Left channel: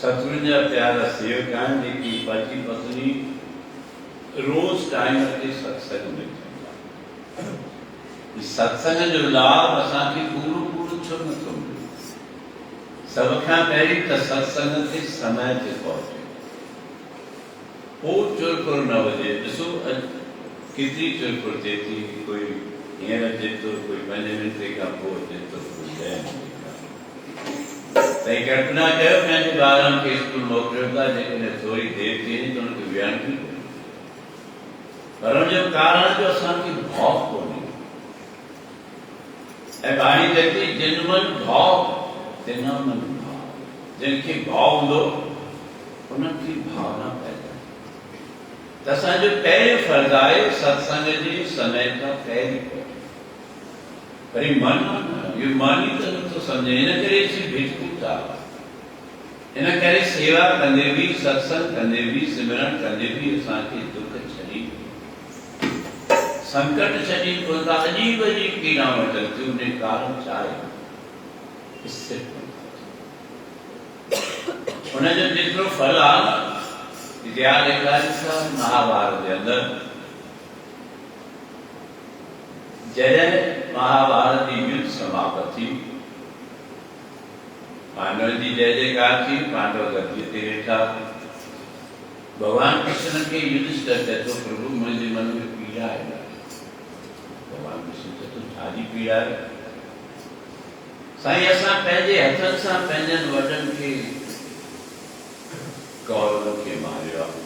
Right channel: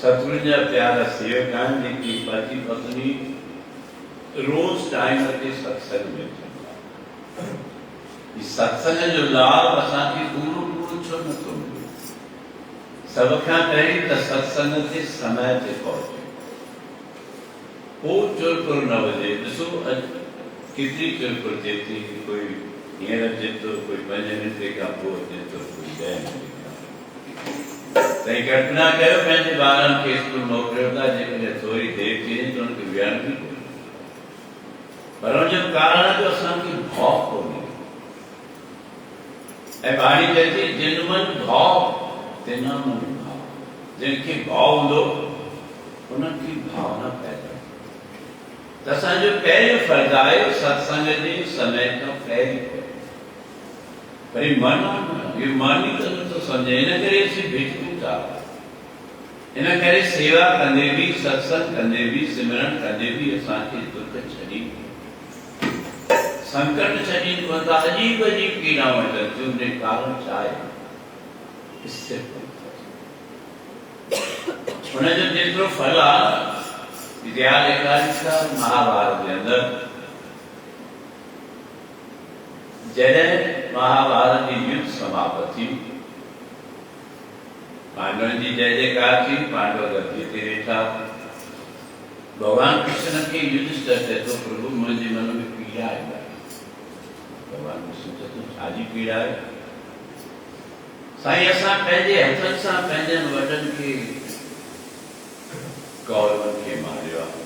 सतगुरु ने प्यारा सेवक जी की पति पत्नी रोज टाइम ते सत्संग में सत्संग जो लाभ असांखे पूरो पूरो छो नथो मिले। सब खां पहिरीं त सत्संग ते समय ते पहुचे, पोइ चुरपुर न वजे। ॾिसो केतिरी चुरपुर थिए थी, कोई हींअर अचे थो, कोई 5 मिंटे खां पोइ अचे थो, कोई 10 मिंटे तई कल्पना कयो पंहिंजे ॿारनि खे स्कूल मोकिलियो था, जेकॾहिं थोरी देरि थी वञे त उनखे विहण बि कोन्हे। पर हुनजो कारण जो असांखे भउ कोन्हे। ऐं बाणी चए जिन मन भाव तिन मन भाव, जिनखे भाव हूंदो उनखे भावना पैदा। त असांजो पहिरियों फर्ज़ आहे सत्संग जे समय खां पहिरीं। वरी मन इहो मन ई त नथो सम्झे, इन करे भिटकूं था। इन करे सेवा कंदे बि, सत्संग कंदे बि, सिमरन कंदे बि असांखे दुख छॾी, संकट छॾी कोन था। अजीब अजीब पीड़ाऊं अचनि थियूं। उन कारण छा आहे? हुनजो जेतिरो फल आहे विद्या एकादशा महाभारत जे अंदरि जॾहिं महाभारत जी युद्ध समाप्त थी, पांडवनि जी जय जयकार थी, पांडव गद्दीअ ते वेठा। भगवान कृष्ण खे युधिष्ठिर चए थो, प्रभु मुंहिंजे मन में पीड़ा आहे। भगवान कृष्ण चए थो, छाजी पीड़ा आहे? साईं, असां पंहिंजे हथनि सां पंहिंजनि वॾनि खे, कौरवनि खे मारियो आहे।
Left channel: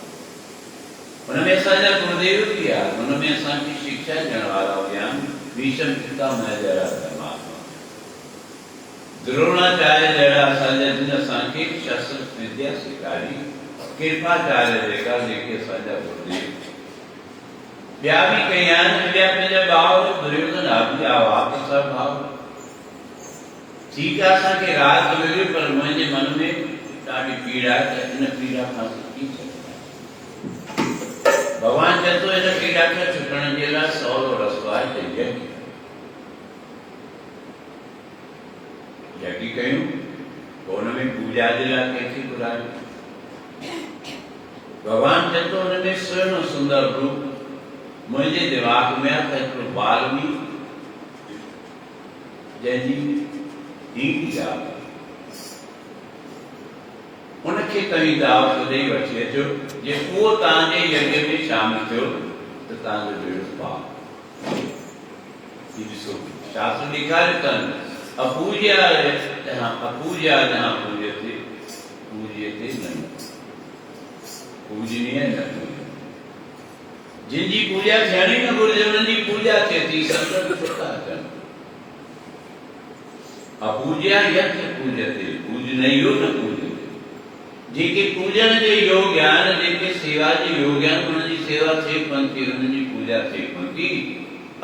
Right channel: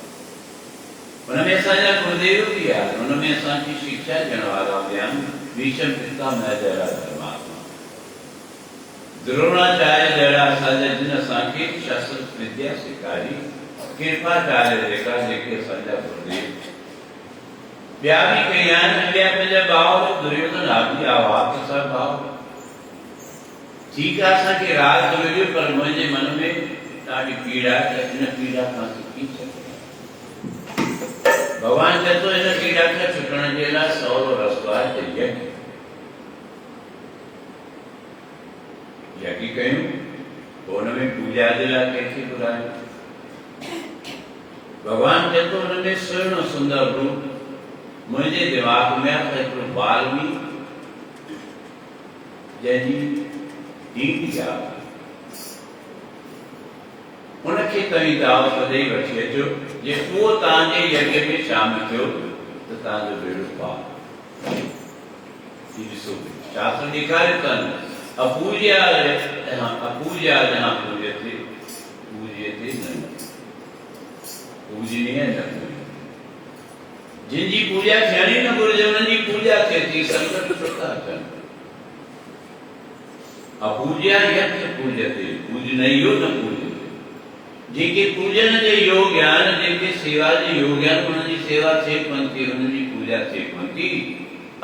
हुनमें असांजा गुरुदेव बि आहे, हुनमें असांखे शिक्षा ॾियण वारा बि आहिनि। भीष्म पितामह जहिड़ा धर्मात्मा, द्रोणाचार्य जहिड़ा असांजा जिन असांखे शस्त्र विद्या सेखारी, कृपाचार्य जेका जेके असांजा गुरुदेव। ॿिया बि कई आहिनि, ॿिया पंहिंजा भाउ दुर्योधन बि आवाज़ सां भाउ। ठीकु आहे, असांखे राज मिलियो, पर मुंहिंजे मन में ॾाढी पीड़ा आहे। इन पीड़ा खां छुटी सघे। भगवान चए थो, इन पीड़ा खां छुटण जे लाइ सवलो रस्तो आहे त यज्ञ कयूं। पोइ हुनमें पूजा जे लाइ कंहिंखे घुरायूं? भगवान चए थो, हुनमें सुहिणो सुंदर रूप मुंहिंजे दिमाग़ में आहे त हिकिड़ो वाल्मीकि जंहिंजी ईंदी आहे, उनखे तव्हीं दावत ॾेई वठी अचो। जे उहो तव्हांजे यज्ञ में शामिल थियो त तव्हांजो बेड़ो पार। ॾिसो, शास्त्र ॾेखारियो अथनि अपूज्या जहाँ पूज्यते पूज्यते न पूजनीय न पूज्य। जिनकी पूजा थियणी न घुरिजे उन्हनि जी पूजा थिए थी, संकट छो था अचनि। अपूज्या यत्र पूजते पूजनीयो न पूज्यते। जेके पूजन जे योग्य आहिनि, जेके सेवा जे योग्य आहिनि, उन्हनि जी सेवा थिए कोन थी, उन्हनि जी पूजा थिए कोन थी।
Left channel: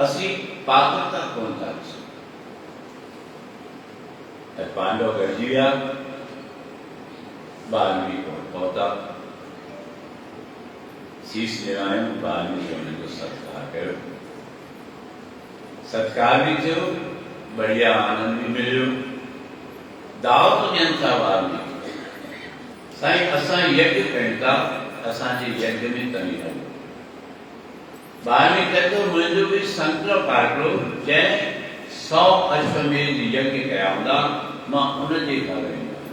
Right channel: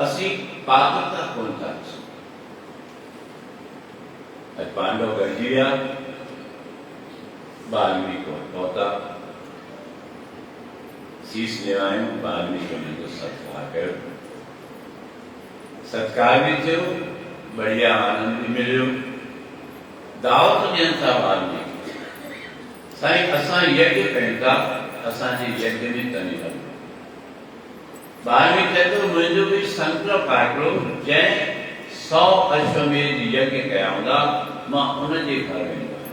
असीं पात्रता कोन था ॾिसूं। अॼु पांडव गॾिजी विया, वाल्मीकि पहुता, शीश निवायूं, वाल्मीकि उन्हनि जो सत्कार कयो। सत्कार भी थियो, बढ़िया आनंद भी मिलियो। दावत ॾियनि था वाल्मीकि, साईं असां यज्ञ कयूं था, असांजे यज्ञ में तव्हीं हलो। वाल्मीकि चए थो मुंहिंजो बि संकल्प आहे हिकिड़ो, जंहिं 100 अश्वमेध यज्ञ कया हूंदा, मां उनजे घर वेंदो आहियां।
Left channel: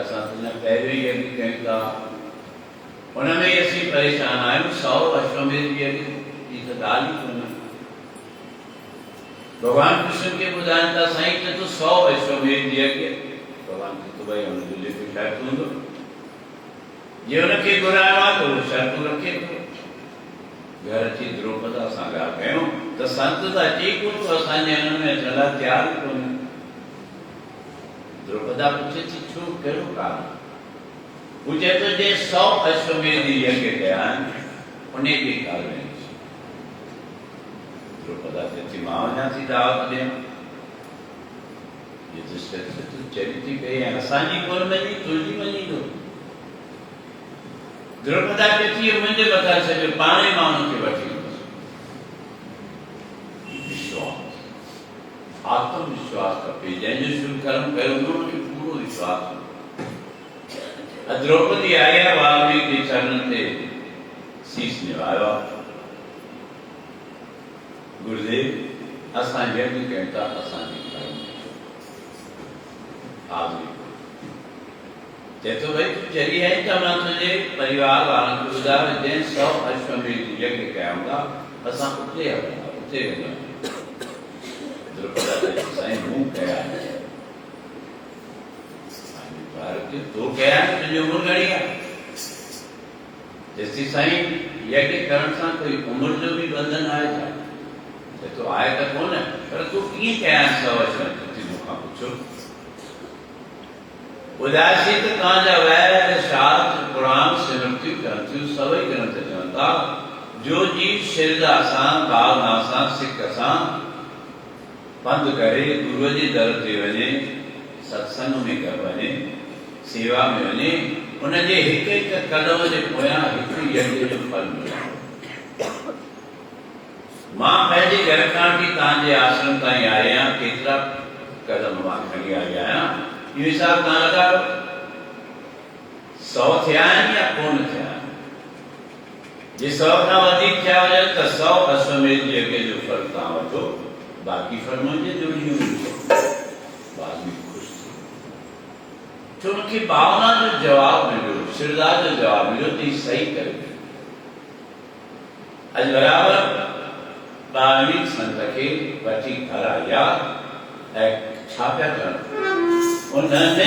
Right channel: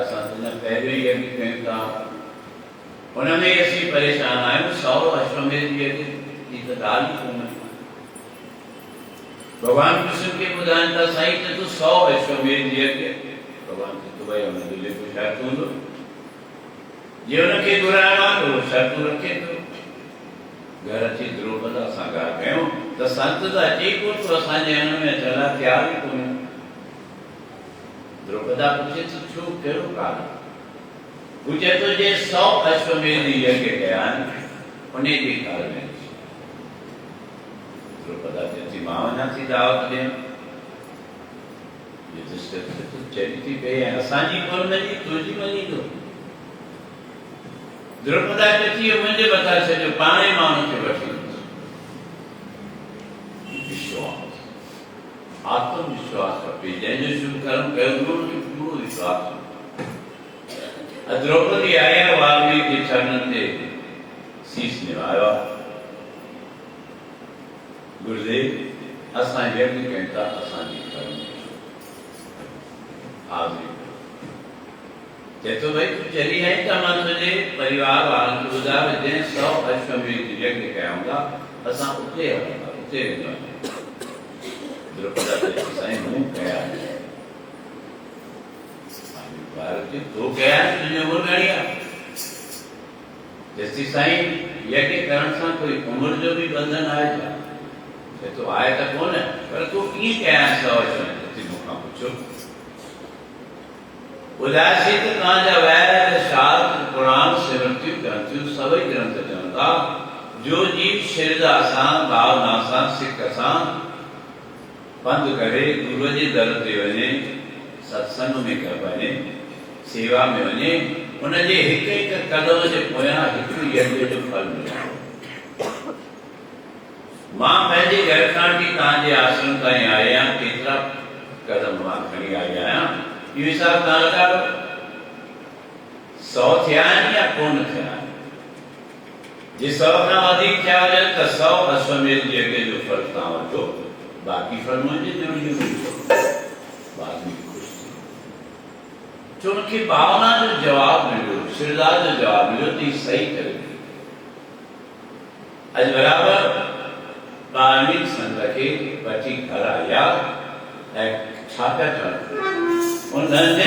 असां तुंहिंजा पहिरियों ई यज्ञ कयूं था, उनमें ई असीं परेशान आहियूं। 100 अश्वमेध यज्ञ जी त ॻाल्हि ई कोन्हे। भगवान कृष्ण खे ॿुधाइनि था, साईं चए थो 100 अश्वमेध यज्ञ। भगवान चए थो भई हुनजो जेको शर्त हूंदो, जे हुनखे घुराइणो आहे त उहो शर्तूं रखे थो। घर अची द्रौपदा सां ॻाल्हि कयूं त संत त अची कोन थो, असांजे हिन में अचण लाइ तयारु ई कोन्हे। द्रौपदा पुछे थी छो, कहिड़ो कारण? हू चए थो जे 100 अश्वमेध यज्ञ कया आहिनि, उन जे घर में। द्रौपदा चए थी मां वञा थी दावत ॾियण। चरी थी पई असांजी कोन मञी, तुंहिंजी मञींदो। द्रौपदा चए थी मुंहिंजे मथां छॾियो, पाण ई मां हुनखे वठी ईंदुसि। विश्वास, आत्मविश्वास खपे। जंहिंजो शुभ कर्म कयो हूंदो उनखे पूरो विश्वास। द्रौपदी आई आहे, वाल्मीकि जे चरणनि ते शीश निभायो। गुरुदेव असां यज्ञ कयूं था, असांजे घर में हाज़िर। चए थो भई तूं चली आई त मां तुंहिंजे परिवार वारनि खे ॿुधायो, जंहिं 100 अश्वमेध यज्ञ कया हूंदा, असां उते हलंदा, उते वेंदा आहियूं। द्रौपदा चए थी साईं मूं कया आहिनि। तो कया आहिनि, तुंहिंजी उमिरि घणी आहे? चएसि थी साईं यज्ञ करण सां कोई उमिरि जो बि बंधन आहे छा? चए थो आहे त कोन, पर तूं कीअं कया आहिनि 100 अश्वमेध? मूंखां पुछो। ॿुधाएसीं त तव्हांजा वैद शास्त्र पुराण स्मृतियूं ग्रंथियूं सभई ग्रंथ चवनि था, जो जीव श्रद्धा सां, भावना सां, सिक सां पंधु करे गुरुअ जे दर ते वञे, सत्संग में वञे, सेवा में वञे, उनजे हिक हिक कदम जे पोयां हिकु यज्ञ जो फल मिले। मां पंहिंजे घर खां वठी तव्हांजे आश्रम ताईं आया, केतिरा कदम मां खणी आई आहियां, इहो हिसाब तव्हां लॻायो। 100 थिया आहिनि या कोन थिया आहिनि? जे 100 खां वधीक थिया हुजनि त 100 अश्वमेध यज्ञ जो फल तव्हां वठो, बाक़ी फल मुंहिंजे ज़रूरी मिलंदो। वाल्मीकि ख़ुशि थी, छो उनखे भावना जो जवाब मिलियो, श्रद्धा जो जवाब मिलियो त हीउ सही करे। अॼु बराबरि वाल्मीकि संत खे वठी घर आया ऐं छा पिया चवनि? उन्हनि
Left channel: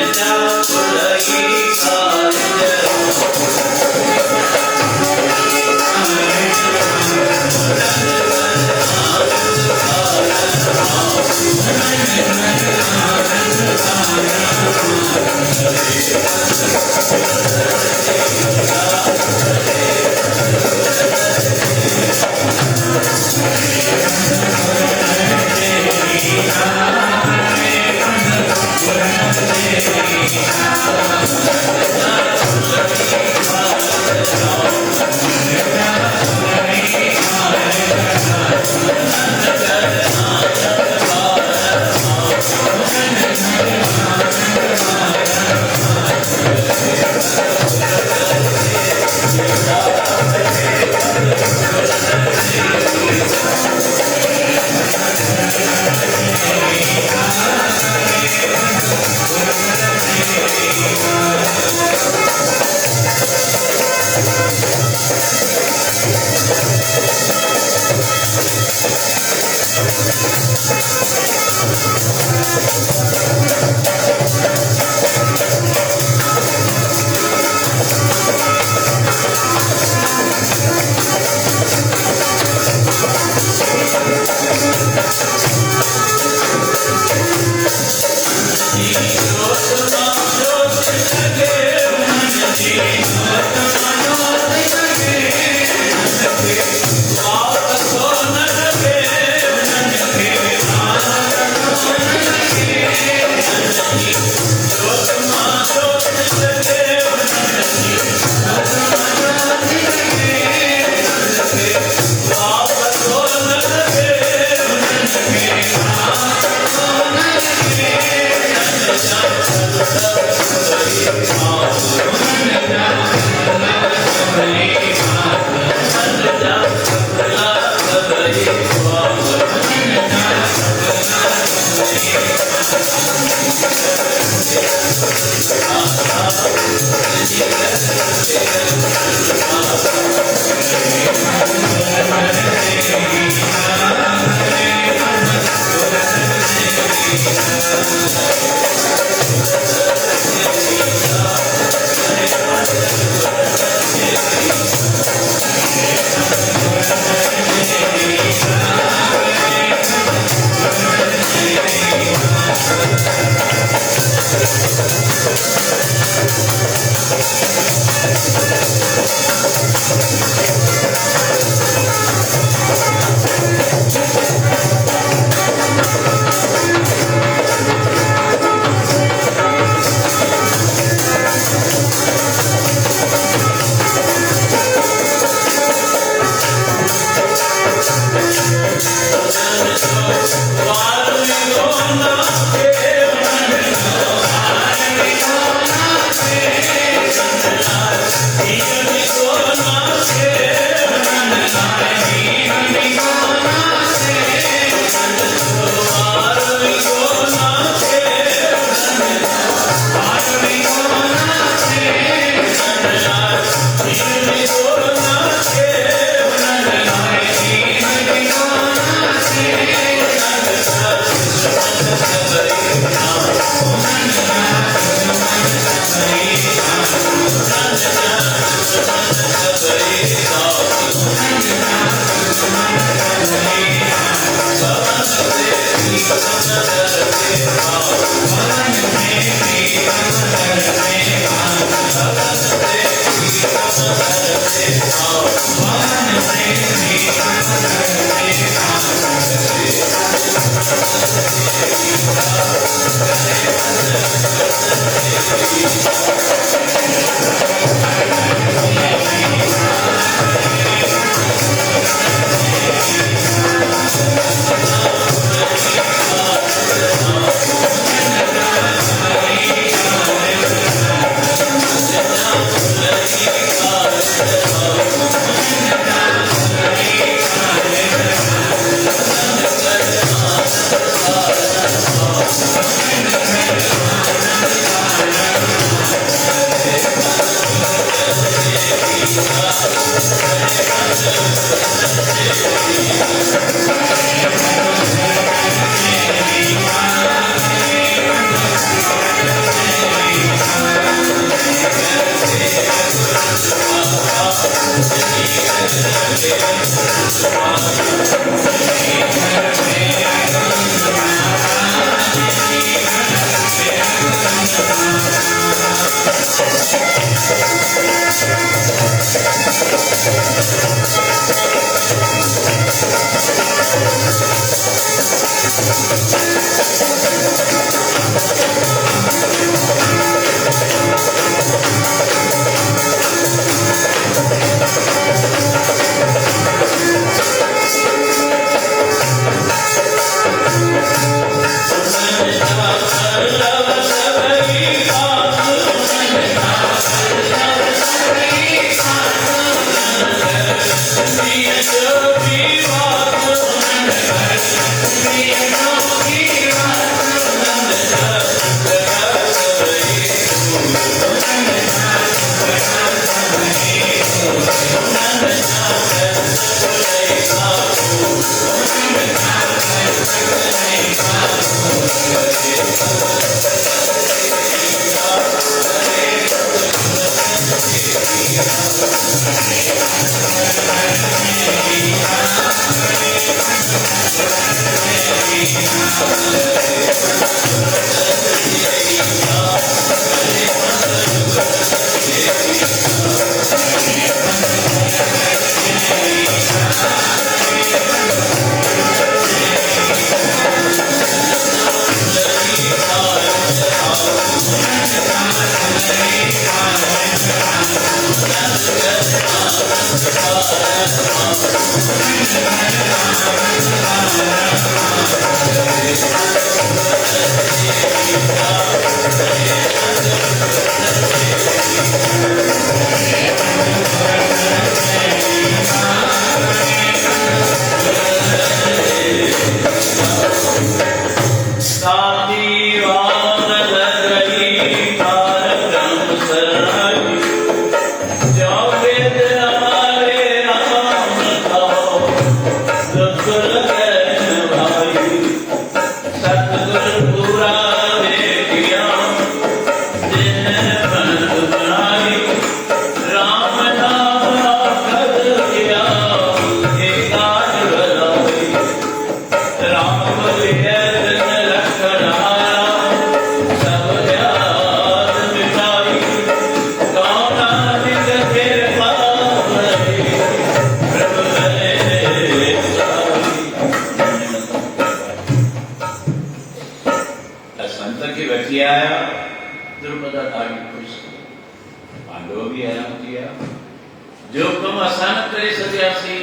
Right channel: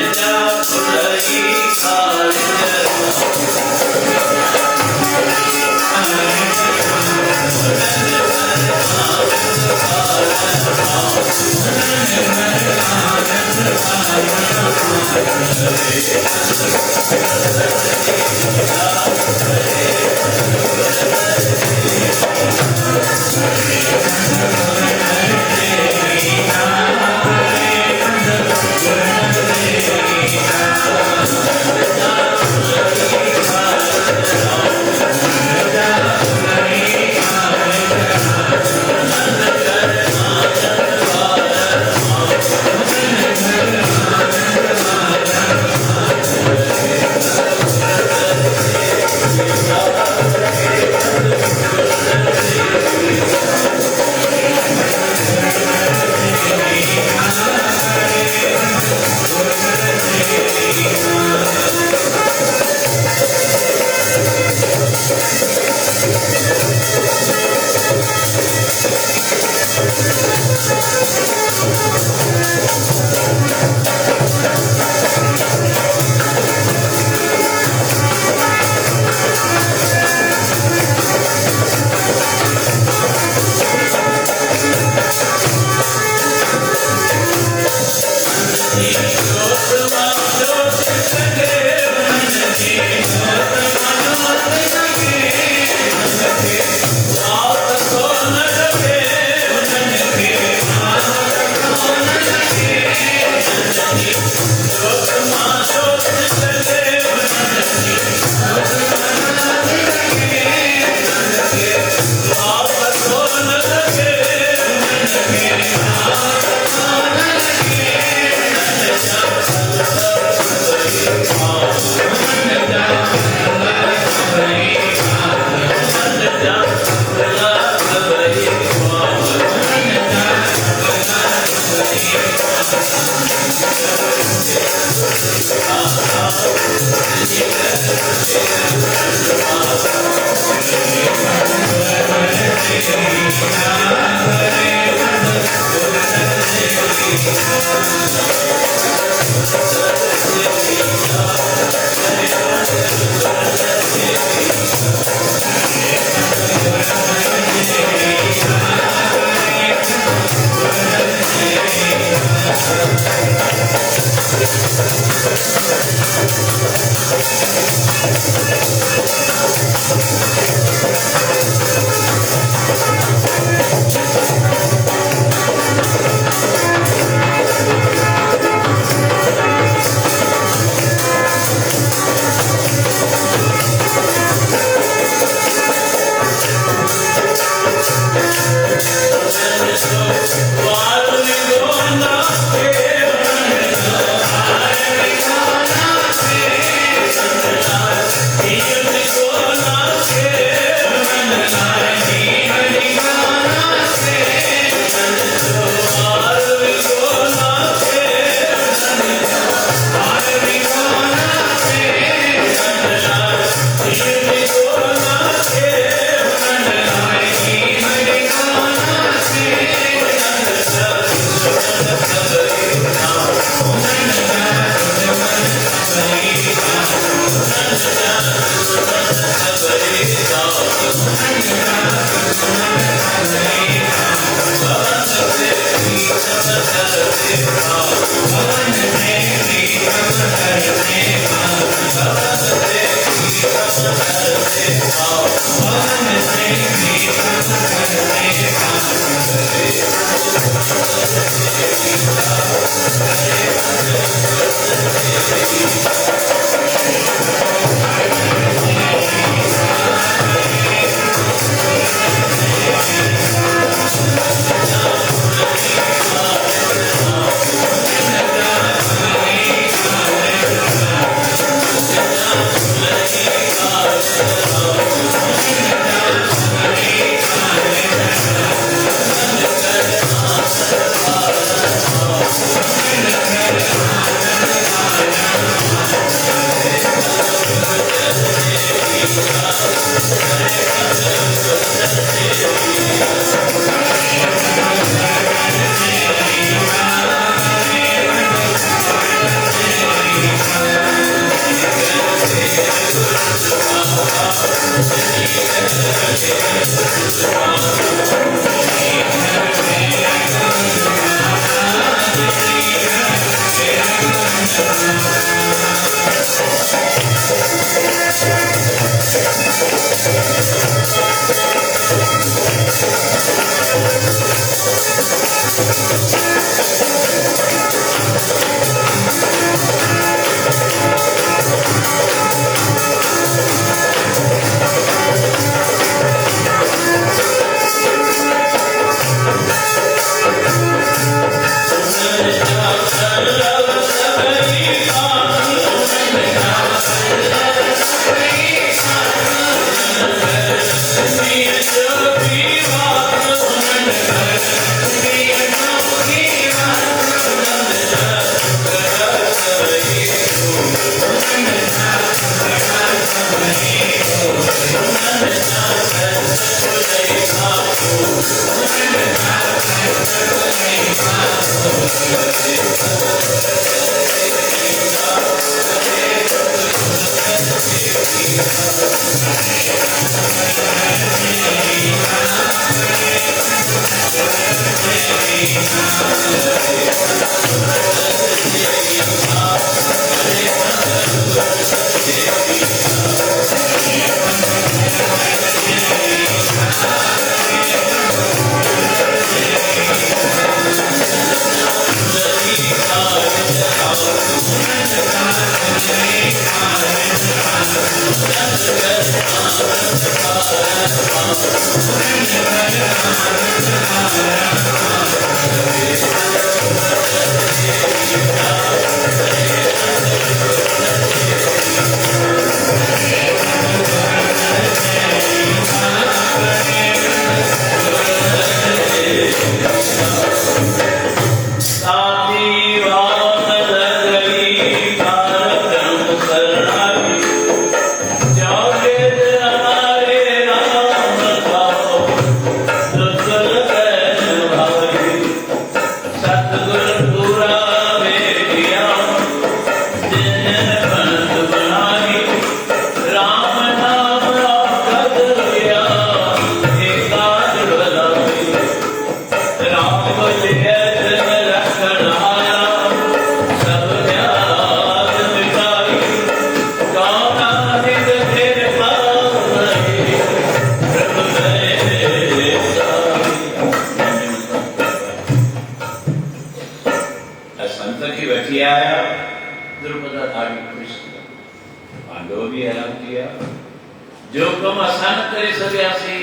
जो कम आसान करे सकियासी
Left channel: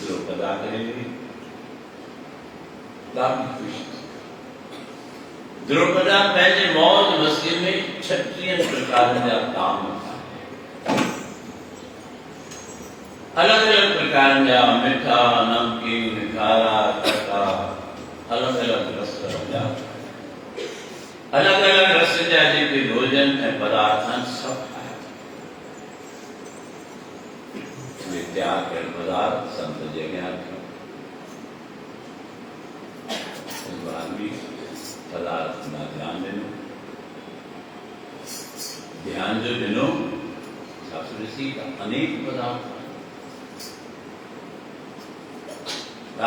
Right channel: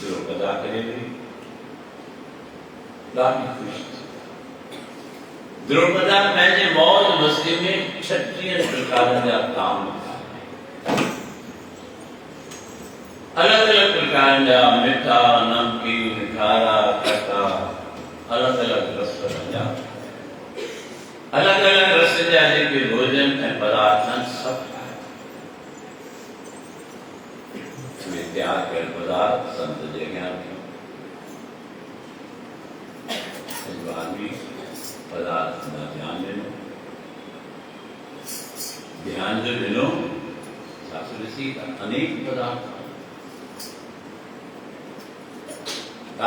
द्रुपदा करे ॾाढी ख़ुशि द्रुपदा पंहिंजे मौज मस्ती में 36 प्रकार जा ताम अलग अलग प्रकार जा मिठा नमकीन खारा खट्टा अलग अलग रस जा अलग अलग रस जा जेके भोजन ऐं पदार्थ सब त्याग कर पदार्थ संत जे ज्ञान भी पदार्थ ना ध्यान देनो ध्यान जो दिनो शास्त्री का अनेक पदार्थ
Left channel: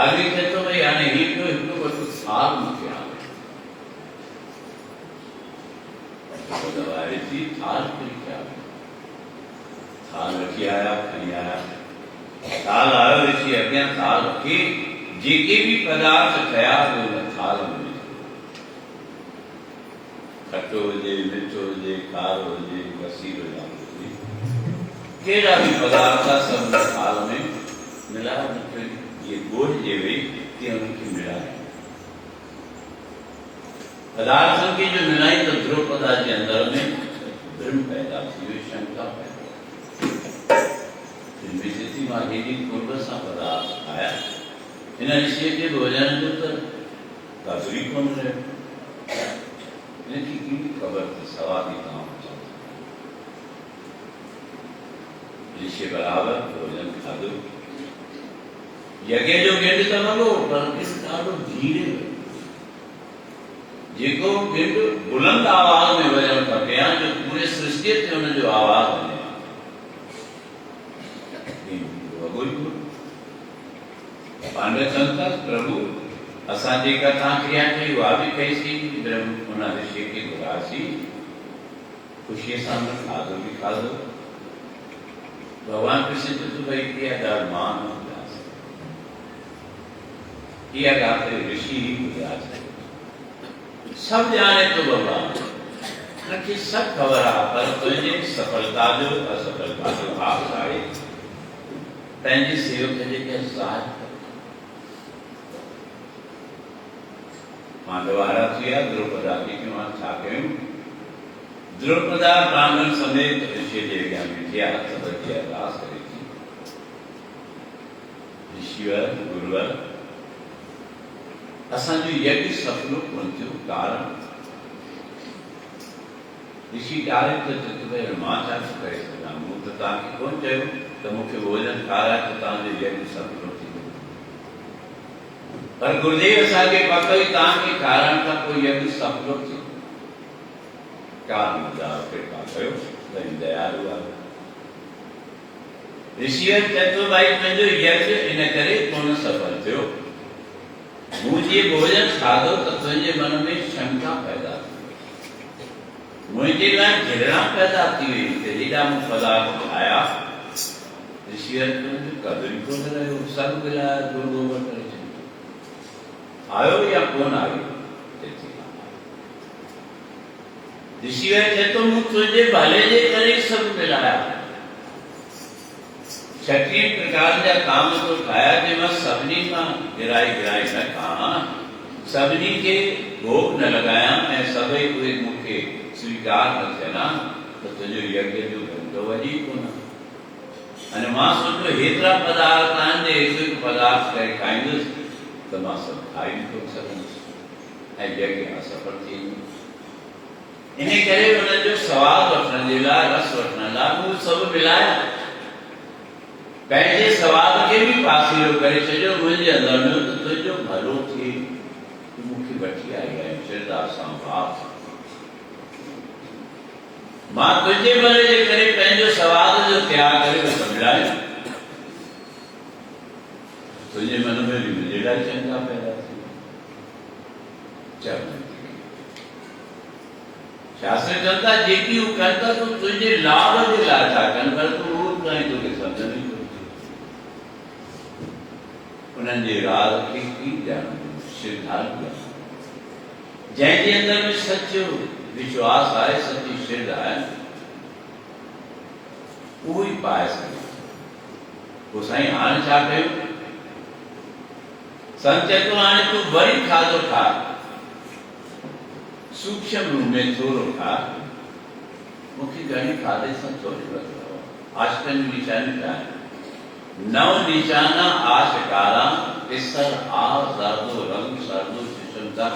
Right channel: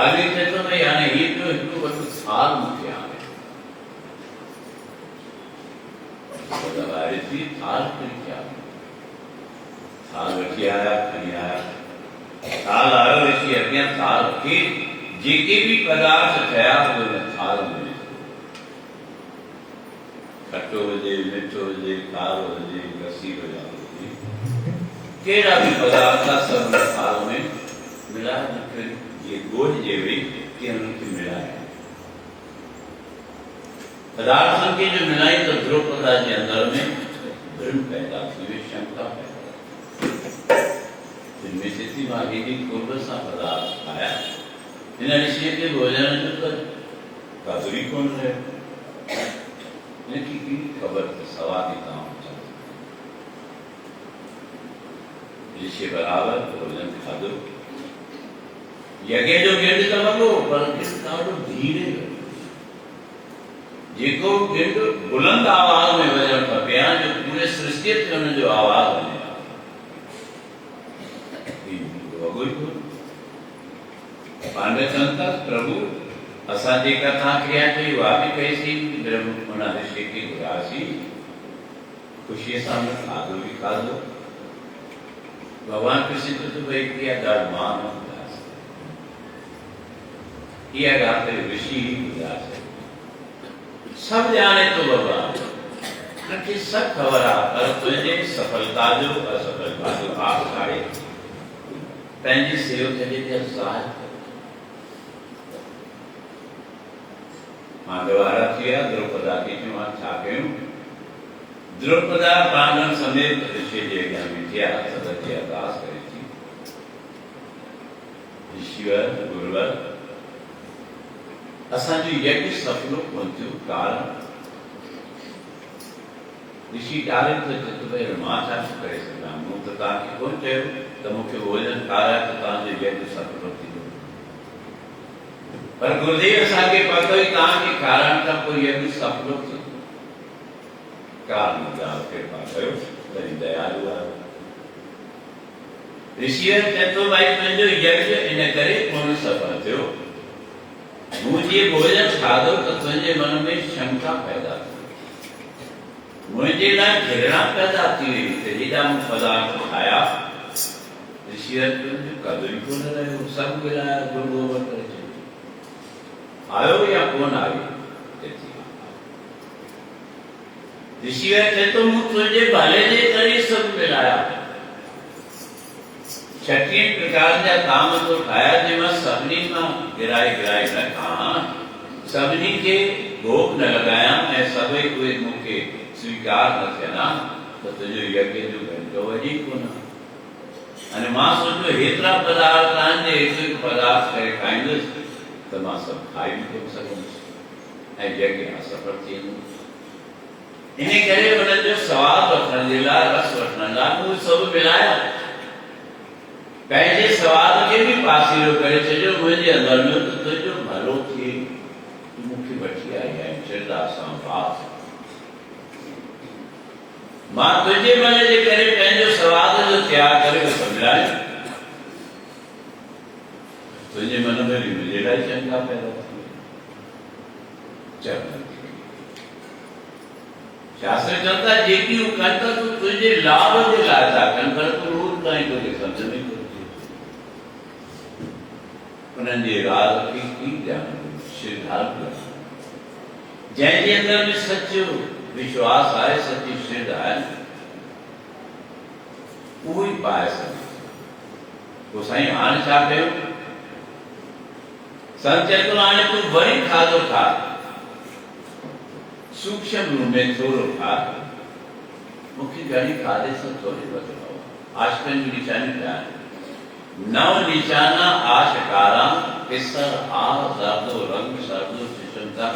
आगे क्षेत्र में यानी हिंदू हिंदू को साल मुख्य दवाई थी थाल पे क्या थाल रखी आया खड़ी आया थाल आयो ऋषि अज्ञा थाल के जेके भी पदार्थ थया वो थाल में खट्टो हुजे मिठो हुजे खारो हुजे कसीरो हुजे केड़ा भी पदार्थ सब थाल में मिलाया ये गोड़ जे हुई कि उनकी मिलाए पदार्थों की जो मिलाई तो द्रौपदा के अंदर में धर्म पैदा हुई शंका पैदा जिनमें से थी माहिनी पूर्व सा पदार्थ आया इन ऋषि के भोजन तो काजुरी कौन है इनकी की खबर तो सवादी काम ऋषि बराबर भोजन खादो यज्ञ जो गेंड करो पर इस कारो धीरे जेको गेंड बुलंद आवाज में वजन खपे जो पूरे सृष्टि ते उन जो आवाज बने पांडव प्रभु असांजी कथा क्रिया कई वा भी कईसी ब्रह्म उन ऋषि की उदासी खुशी सां खाधो भी खाधो भगवान कृष्ण तो भाई किया धर्मान उदास किया गाते ऋषि ही उदास है सब जाने तो भगवान रखी सब खबर आ पर तुझे सफलता जो असफलता जो आप आए पंहिंजी सेवक जे साथ पांडवारा थिया द्रौपदा की मां छा कयूं द्रौपदा पांडव समेत ऋषि जे अॻियां बीठिया हथ बधी अरदास करे थी ऋषिवर गुरुवर असांजो यज्ञ सफलो कोन थियो कारण ऋषि डायरेक्ट तो भाई मां छा करे सघां मूं त तव्हांखे कोन चयो त मूंखे भोजन खाराए त तव्हांजो यज्ञ सफलो थींदो पर गुरुदेव असांखे पतो ई तव्हांखे खाराइण खां पोइ यज्ञ सफलो थियो कारण कृपा कयो तव्हांजी दयालु आहे ऋषि चए थो भाई तुंहिंजो यज्ञ इन करे कोन सफल थियो मूं जीअं भोजन खाधो त तुंहिंजे मन में शंका पैदा थी मुझे लाइ घृणा पैदा थी हुई त हेॾा मूं पदार्थ खाया ऋषि कदुर कोन रहियो सभु मिलाया गुरू वटि आयो या कोन आयो ऋषिवर थे तो मूं तुझे भले जे करी सब मिलाया। छटीह प्रकार जा काम तो ठाया जंहिंमां सभिनी मां गिराई न कहा, सभिनी के भोग न लगाया ऐं सभई उहे मूंखे स्वीकार न थियनि त तुंहिंजो यज्ञ जो घंटो वॼी कोन। अने मां सोचियो हेतिरा पदार्थ आहिनि जे हिकु हिकु पदार्थ करे खाईंदुसि त मां सभु खाई बि कोन सघंदुसि ऐं यज्ञ असफल थी वेंदो। इन करे उन्हनि जो सवादु वठण जे लाइ, रस वठण लाइ मूं सभु मिलाया, पंहिंजे सवाद खे बि पासीरो करे छॾियो मुंहिंजे अंदरि में त तुंहिंजो भलो थिए, तूं मूंखे वठी आई आहीं श्रद्धा सां, भाव सां। मां तुंहिंजे मन जे करे पंहिंजो सवाद जो त्याग करे सम्झायो, तुंहिंजे मन में बि मुंहिंजे लाइ शंका पैदा थी। शास्त्र चवनि था जेकी हू कनि था तूं तुंहिंजे लाभ जे लाइ था कनि, पर तूं रोज़ ताईं तोखे सम्झ में कोन। उन्हनि जे राज खे कीअं ॼाणो? श्रद्धालु जंहिंजे अंदर में सचो विश्वास आहे, सची श्रद्धा आहे, उहो ई पाए सघे। पोइ साईं हाणे छा कयो? संत चए थो हाणे तूं वरी खाधो खा, सूक्ष्म रूप में थोरो खा, मूंखे घणी खाधे सां थोरी लॻो। आशिकनि जी निशानी छा आहे? नव निशाना आशकारा, पिसर आ ज़र्दो रंग सरदो शिशुता,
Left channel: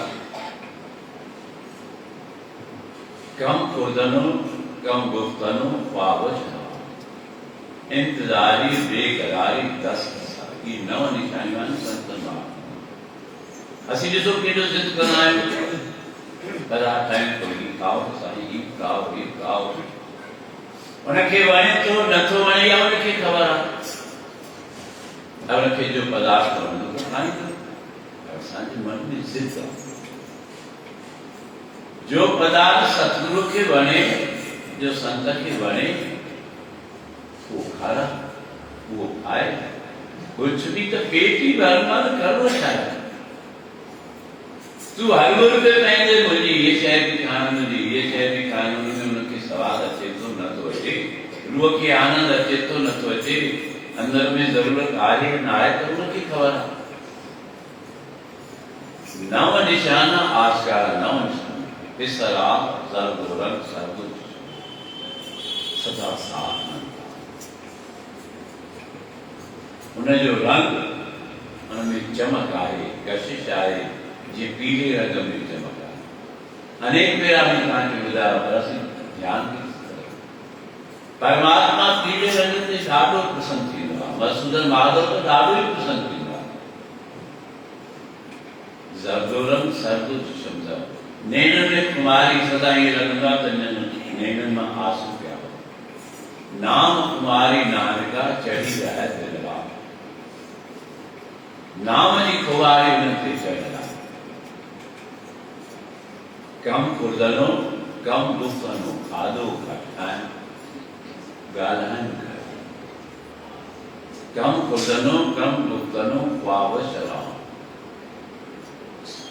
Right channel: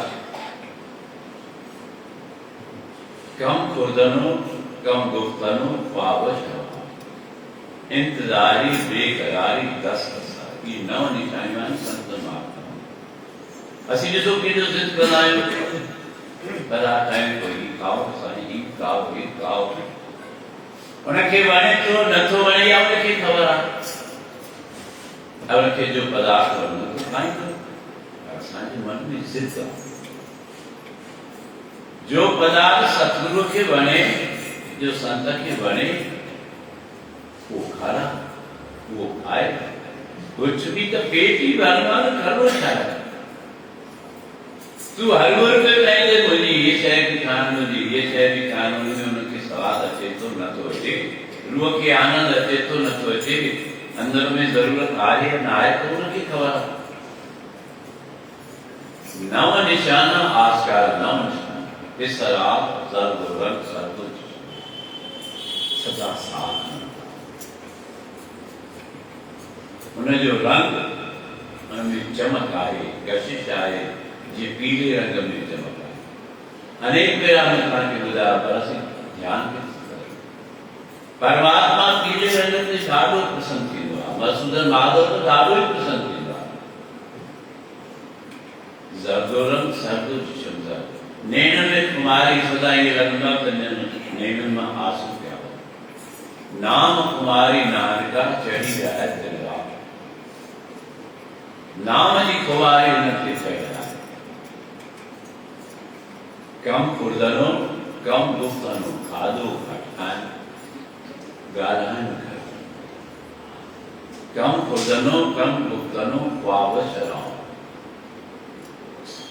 कम खुर्दनो कम गुफ्तनो पावश, इंतजारी बेकरारी दस की नव निशानियां संत मां। असीं ॾिसो केॾो ज़िद कंदा आहियूं, पराठा आहिनि कोई खाओ साईं, ही खाओ ही खाओ, उनखे वणे थो नथो वणे या उनखे ख़बर आहे, उनखे जो पदार्थ वणंदो त खाईंदो। असांजे मन में ज़िद आहे, जो पदार्थ सतगुरु खे वणे, जो संत खे वणे, वो खारा, वो खाए। कुछ भी तो पेट ही भरना करो छाए। तू हर रुपए कहेंगे मुझे ये शय भी खानी, मुझे ये शय भी खानी, में उनके स्वाद अचे तो न तो अचे, रूह के आनंद अचे तो न तो अचे, अंदर में जरूरत आए न आए तो उनकी खबर है। नव निशाना आस्कार, नव निशाना पिसराब जर्दो रंग सरदो सदा साथ उनजो रंग, उनमें चमक आए, कशिश आए, जी पीले रंग में चमक आए। अनेक बेरा में तव्हांखे ॿुधायो, पर असीं ध्यानु परमात्मा पीले रंग ते ॾाढो प्रसन्न थींदो आहे, मधुसूदन माधव तो ॾाढो ई प्रसन्न थींदो आहे। ज़र्दो रंग सरदो शब्द, नैन में कुमारी सदा ईअं लॻंदो आहे त नैननि मां आंसू पिया वञनि। नाम कुमारी नानका चढ़ी जाए दिल राम, नाम जी खुवारी उनते चढ़ियल आहे। कम फुर्दनो कम गुफ्तनो, खाधो घटि ॻाल्हाइण घटि, कम फुर्दनो कम गुफ्तनो ख्वाब शराब।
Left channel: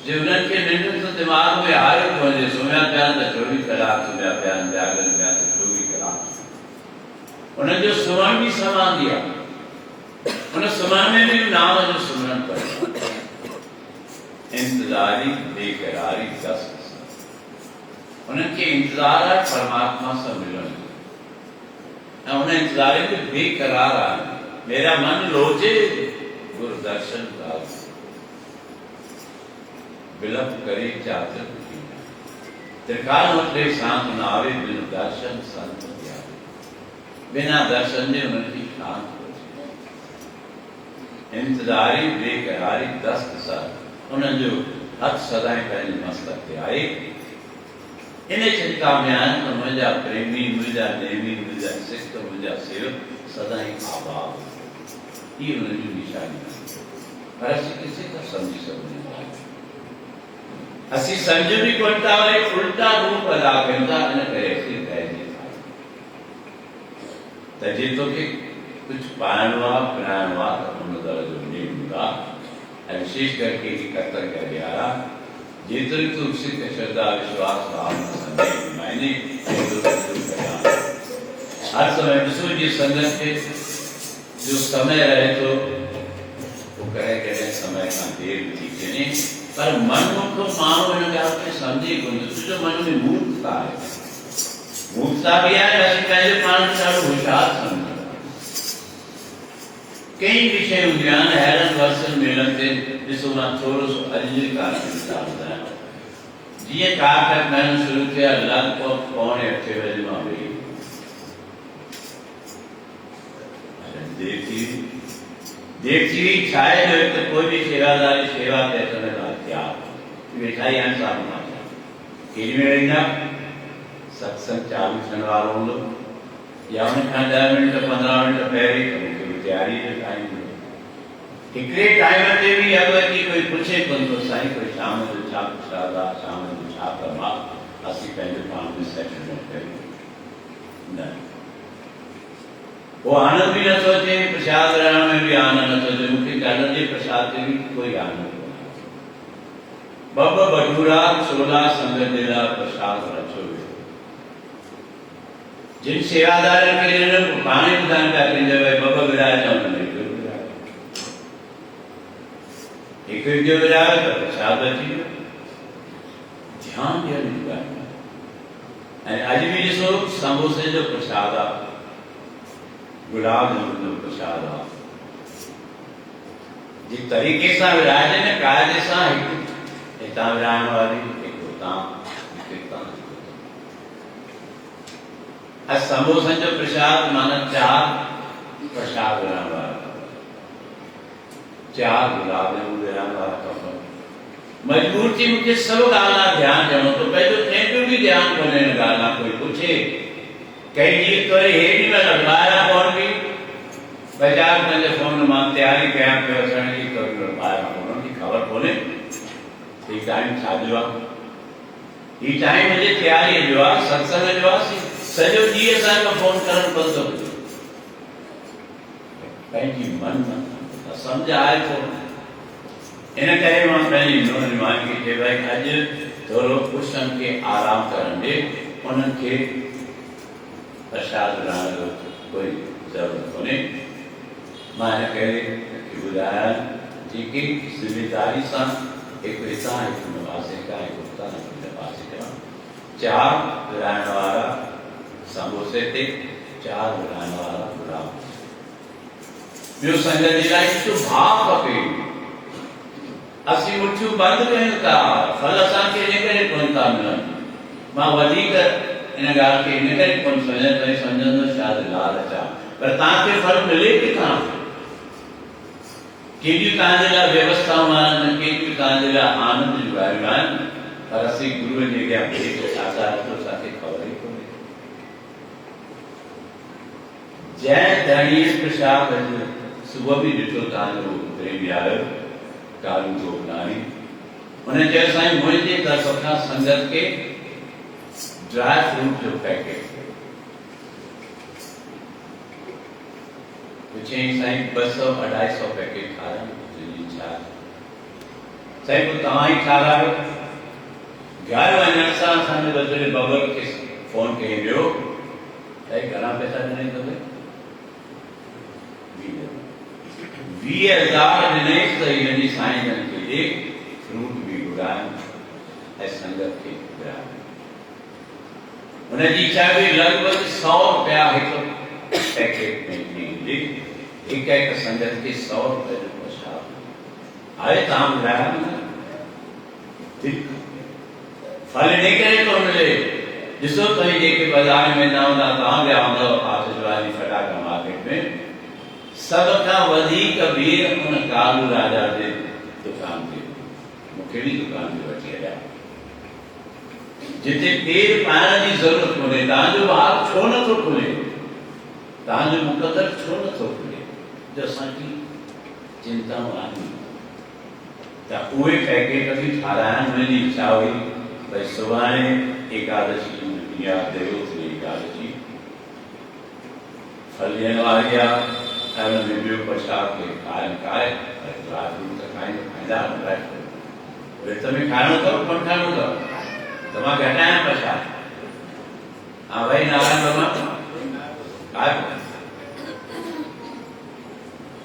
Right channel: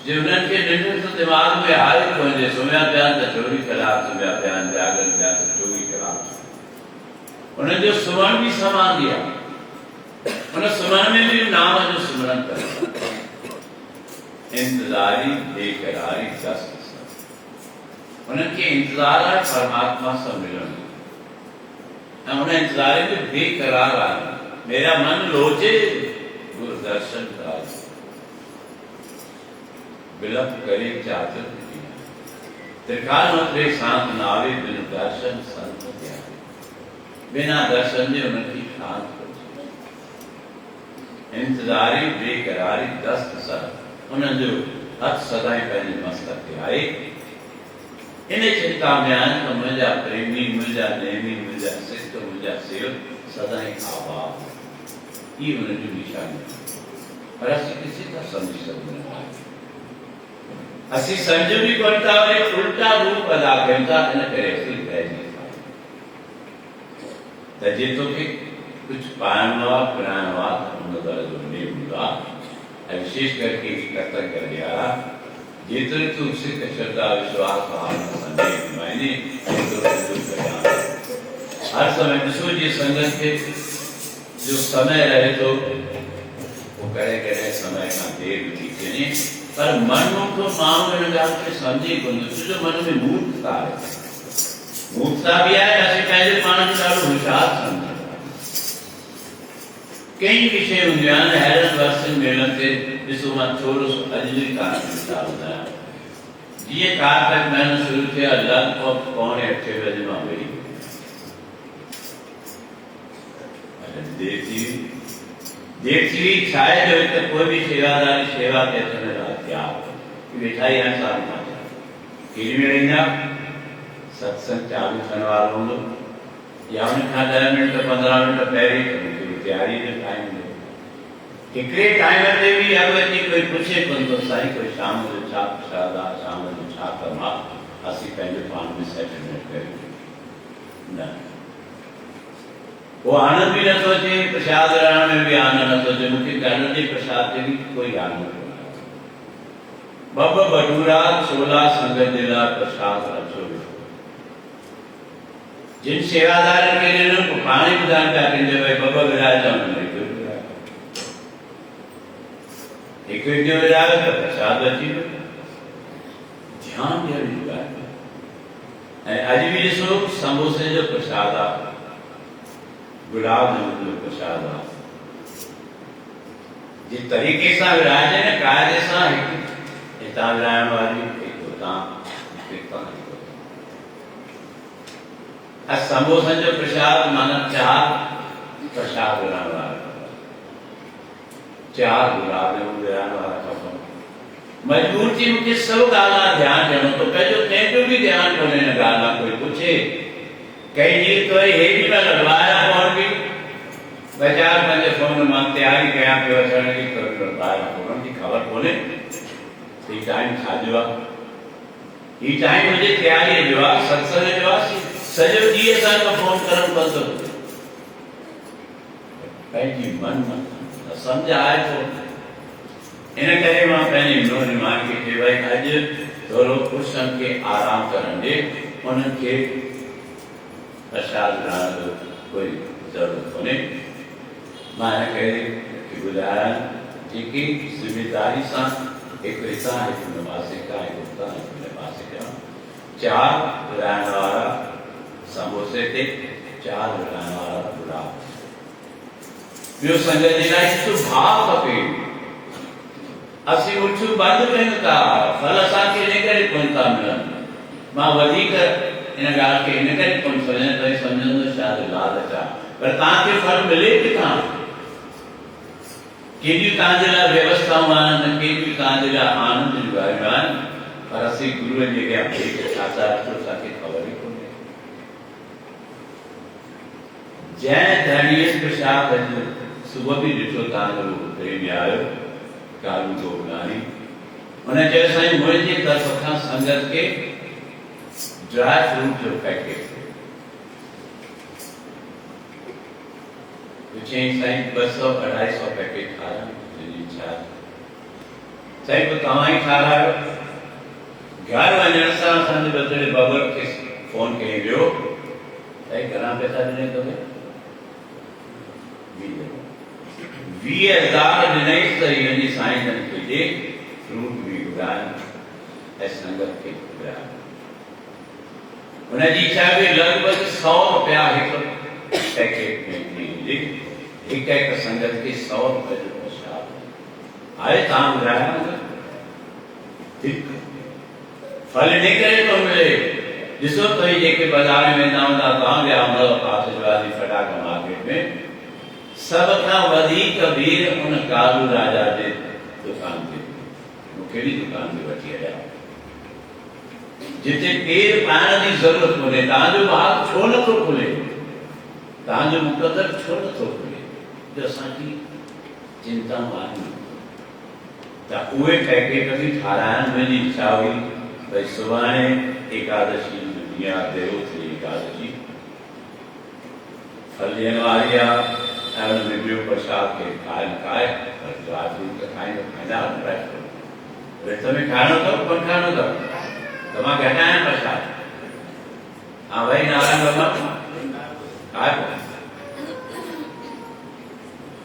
जे उन्हनि खे निंड त दिमाग़ में आहे कोन्हे, सुम्हिया पिया त 24 कलाक सुम्हिया पिया आहिनि, जागनि पिया त 24 कलाक। उन्हनि जो सुम्हण बि समाधि आहे, उन सुम्हण में बि नाम जो सिमरन करे। इंतज़ारी बेकरारी दस, उन्हनि खे इंतज़ार आहे परमात्मा सां मिलण जो, ऐं उन इंतज़ार में बेकरार आहे। मेरा मन लोचे गुरु दर्शन का, विलप करे चाचर त्रिकाल उतरे सांत नावे, बिन दर्शन संत त्यागे। बिना दर्शन जे उनकी शांत इंतज़ारी बेकरारी दस्त सर, उन्हनि जो हथ सदाई पंहिंजे मस्तक ते आहे। इन चिंता में आहिनि त मुंहिंजा प्रेमी, मुंहिंजा नेमी, मुंहिंजा सिख, मुंहिंजा सेवक सदाई आबाद। ये उन्हनि जी निशानी आहे, पर असीं किथे था सम्झी सघूं था। असीं सम्झ बि कोन था, वरी उल्टा रूप अदा कयूं था। इन करे असीं रहिजी त जे तोखे कुछ पाइणो आहे, पिराइणो आहे त उन तरह जो नेम हूंदो आहे। ऐं विशेष करके कर्तव्य ॾियारा जेतिरी तूं सिक श्रद्धा विश्वास भाव संदेह मायने हर समय ॾिसो जी संगत खे जो समय रहे थो वो कॾहिं कॾहिं समय खां देर थी वञे पर मनमुख माण्हू हिन ॻाल्हि खे सम्झे कोन थो छो जो मन में मूर्खता आहे मूर्खता बि आहे असीं पंहिंजे पाण खे ॾाढो होशियारु सम्झूं कई विषय हूंदियूं आहिनि हैरन वर्सन मेलनि ते ॾिसो मां थोरो सो अॼु जी कहाणी ॿुधायां जीअं कार तक महिनो शुरू थिया लॻभॻि 7:45 बजे मां वेही देर थी हुई छा आहे जो त कोई बि शेवादारी शेवा ते अचण लाइ तयारु वेठा ई आहिनि साम्हूं मां केॾी महिल ईंदा सत्संग चालू थियण वारो हूंदो या उन खां 10 मिंट 15 मिंट पहिरीं मूंखे तयारी जो टाइम हूंदो हिकिड़े टाइम ते बि अॻु अची कोई पुछे कोन थो साईं कोई शाम जो छा प्रसाद आहे शाम जो छा कमु आहे असीं पंहिंजे पाण में सेटलमेंट कयूं न वो आनंद भी नथो अचे प्रसाद रहण में भी आनंद नथो अचे मूंखे ॾाढनि जे प्रसाद ते बि कोई आनंद कोन ॿ भटूरा 16 संगत जे लाइ प्रसाद रखियो वियो जिन सेवादारनि खे ॾिननि पाण ई ॿुधाइनि पिया कंदे भई ॿ विराएजा हुननि हिकु विरायो त प्रसाद अची वियो ध्यानु ॾियण जी ॻाल्हि ऐं अॼु बि ॾिसो समोसे जो प्रसाद आहे गुलाब जामुन जो प्रसाद आहे जिस तरीक़े सां विराइजे न क़ाइदे सां हिकु हितां विराइण वारी हिकु हुतां समोसनि जो प्रसाद माना 4 प्रसाद विराइण वारा 4 गुलाब जामुन विराइण वारा खपनि मजबूर थी मूंखे सभु ॻाल्हि ध्यानु ॾियणो थो पए जो कंहिंजो बि ध्यानु कोन्हे हिन ॻाल्हि मां कोई पुछे कई ॾींहं तो हेॾी महिल ॿाहिरां फोन बि बाज़ार पंहिंजे फोन मां तयारी कयां पियो अचण जी त ॿाहिरां फोन जी ख़बर कोन्हे हीउ टाइम छाजो आहे हीउ टाइम मुंहिंजी तयारीअ जो आहे सत्संग जो आहे सॼो ॾींहुं असांखे फोन करणु बंदि थो थिए पंहिंजी मन सम्झ आहे थो इन करे मां पंहिंजी नौजवान खे चयो भई अॼु थोरो पुरुषनि खे आराम करणु ॾे उन्हनि खे प्रसाद विराइण जो कोई ज़रूरत कोन्हे मां हिन करे ॿुधायां जेकी ज़िमेदारी सां हिकु हितां हिकु हिन पासे खां हिकु हुतां हिकु हिन पासे खां 4 विराइण वारा समोसे ते 4 विराइण वारा गुलाब ॿियो संगत जे लाइ हिकु भाव खपे असीं मुठियूं बंदि कयूं था फल असांखे इन करे कोन था मिलनि मां वधीक इन ॻाल्हि खे इन करे कोन सम्झां त सम्झंदो शायदि लालच आहे पर तव्हांखे फल मिले किथां केॾियूं तव्हांजे लाइ व्यवस्थाऊं आहिनि केॾियूं तव्हांजे लाइ आनंद जूं ॻाल्हियूं आहिनि पर असीं गुरूअ जे अॻियां भेट छा था रखूं असांखे ख़बर ई कोन्हे जंहिं धणीअ प्रसाद सुबुह बि ॾिठो तव्हांजो प्रेमी आयो कालू गोपनानी हुन चयो साईं मुंहिंजे तरफ़ खां संगत खे ड्राई फ्रूट जो पैकेट चईं साईं 200-250 पैकेट खारां तुंहिंजी इच्छा साईं पोइ तव्हां ई खारायो घर वञण सां असांजे बदिले बबर खे फोन कई वियो साईं घणा पैसा ॾिनई तोखे 20,000 ॾिनई त हिनजी साईं जन खे ॾे फ्रूट बि घुराइनि ऐं संगत खे घुराइनि हुनजी इच्छा बि लॻभॻि 100 रुपया हिकु पैकेट में ॾींदी हिकु संगत खे 100 रुपए जो प्रसाद आहे तव्हां ॿुधायो न फल इन करे थो मिले ॾिसो त जेके बाज़ार में वेंदा हूंदा तव्हां विया हूंदव पासवाली फटाका मार्केट में सब खां वधीक भीड़ उन कालू राजा जे दुकान ते मूंखे बि दुकान ते वठी हलिया जिते पेर पाइण जी ज़रूरत कोन्हे तव्हांजो ॿार छो नथो खुले तव्हांजो मुक़दर छो नथो खुले जो असांजी चिंताऊं आहिनि त उहे पैकेट बि ठाराइण मुंहिंजी इच्छा हुई भई सुभाणे एकादशी या देवोत्री एकादशी फल ॾियण वारी आहे ऐं हुन में ॿियो प्रसाद खे खाए ड्राई फ्रूट त खाईंदा ड्राई फ्रूट તમે ખાણો કરો પણ ખાણો કરો તમા ઘટાયા પ્રસાદ હા ભાઈ નારાયણ ભગવાન ખાધો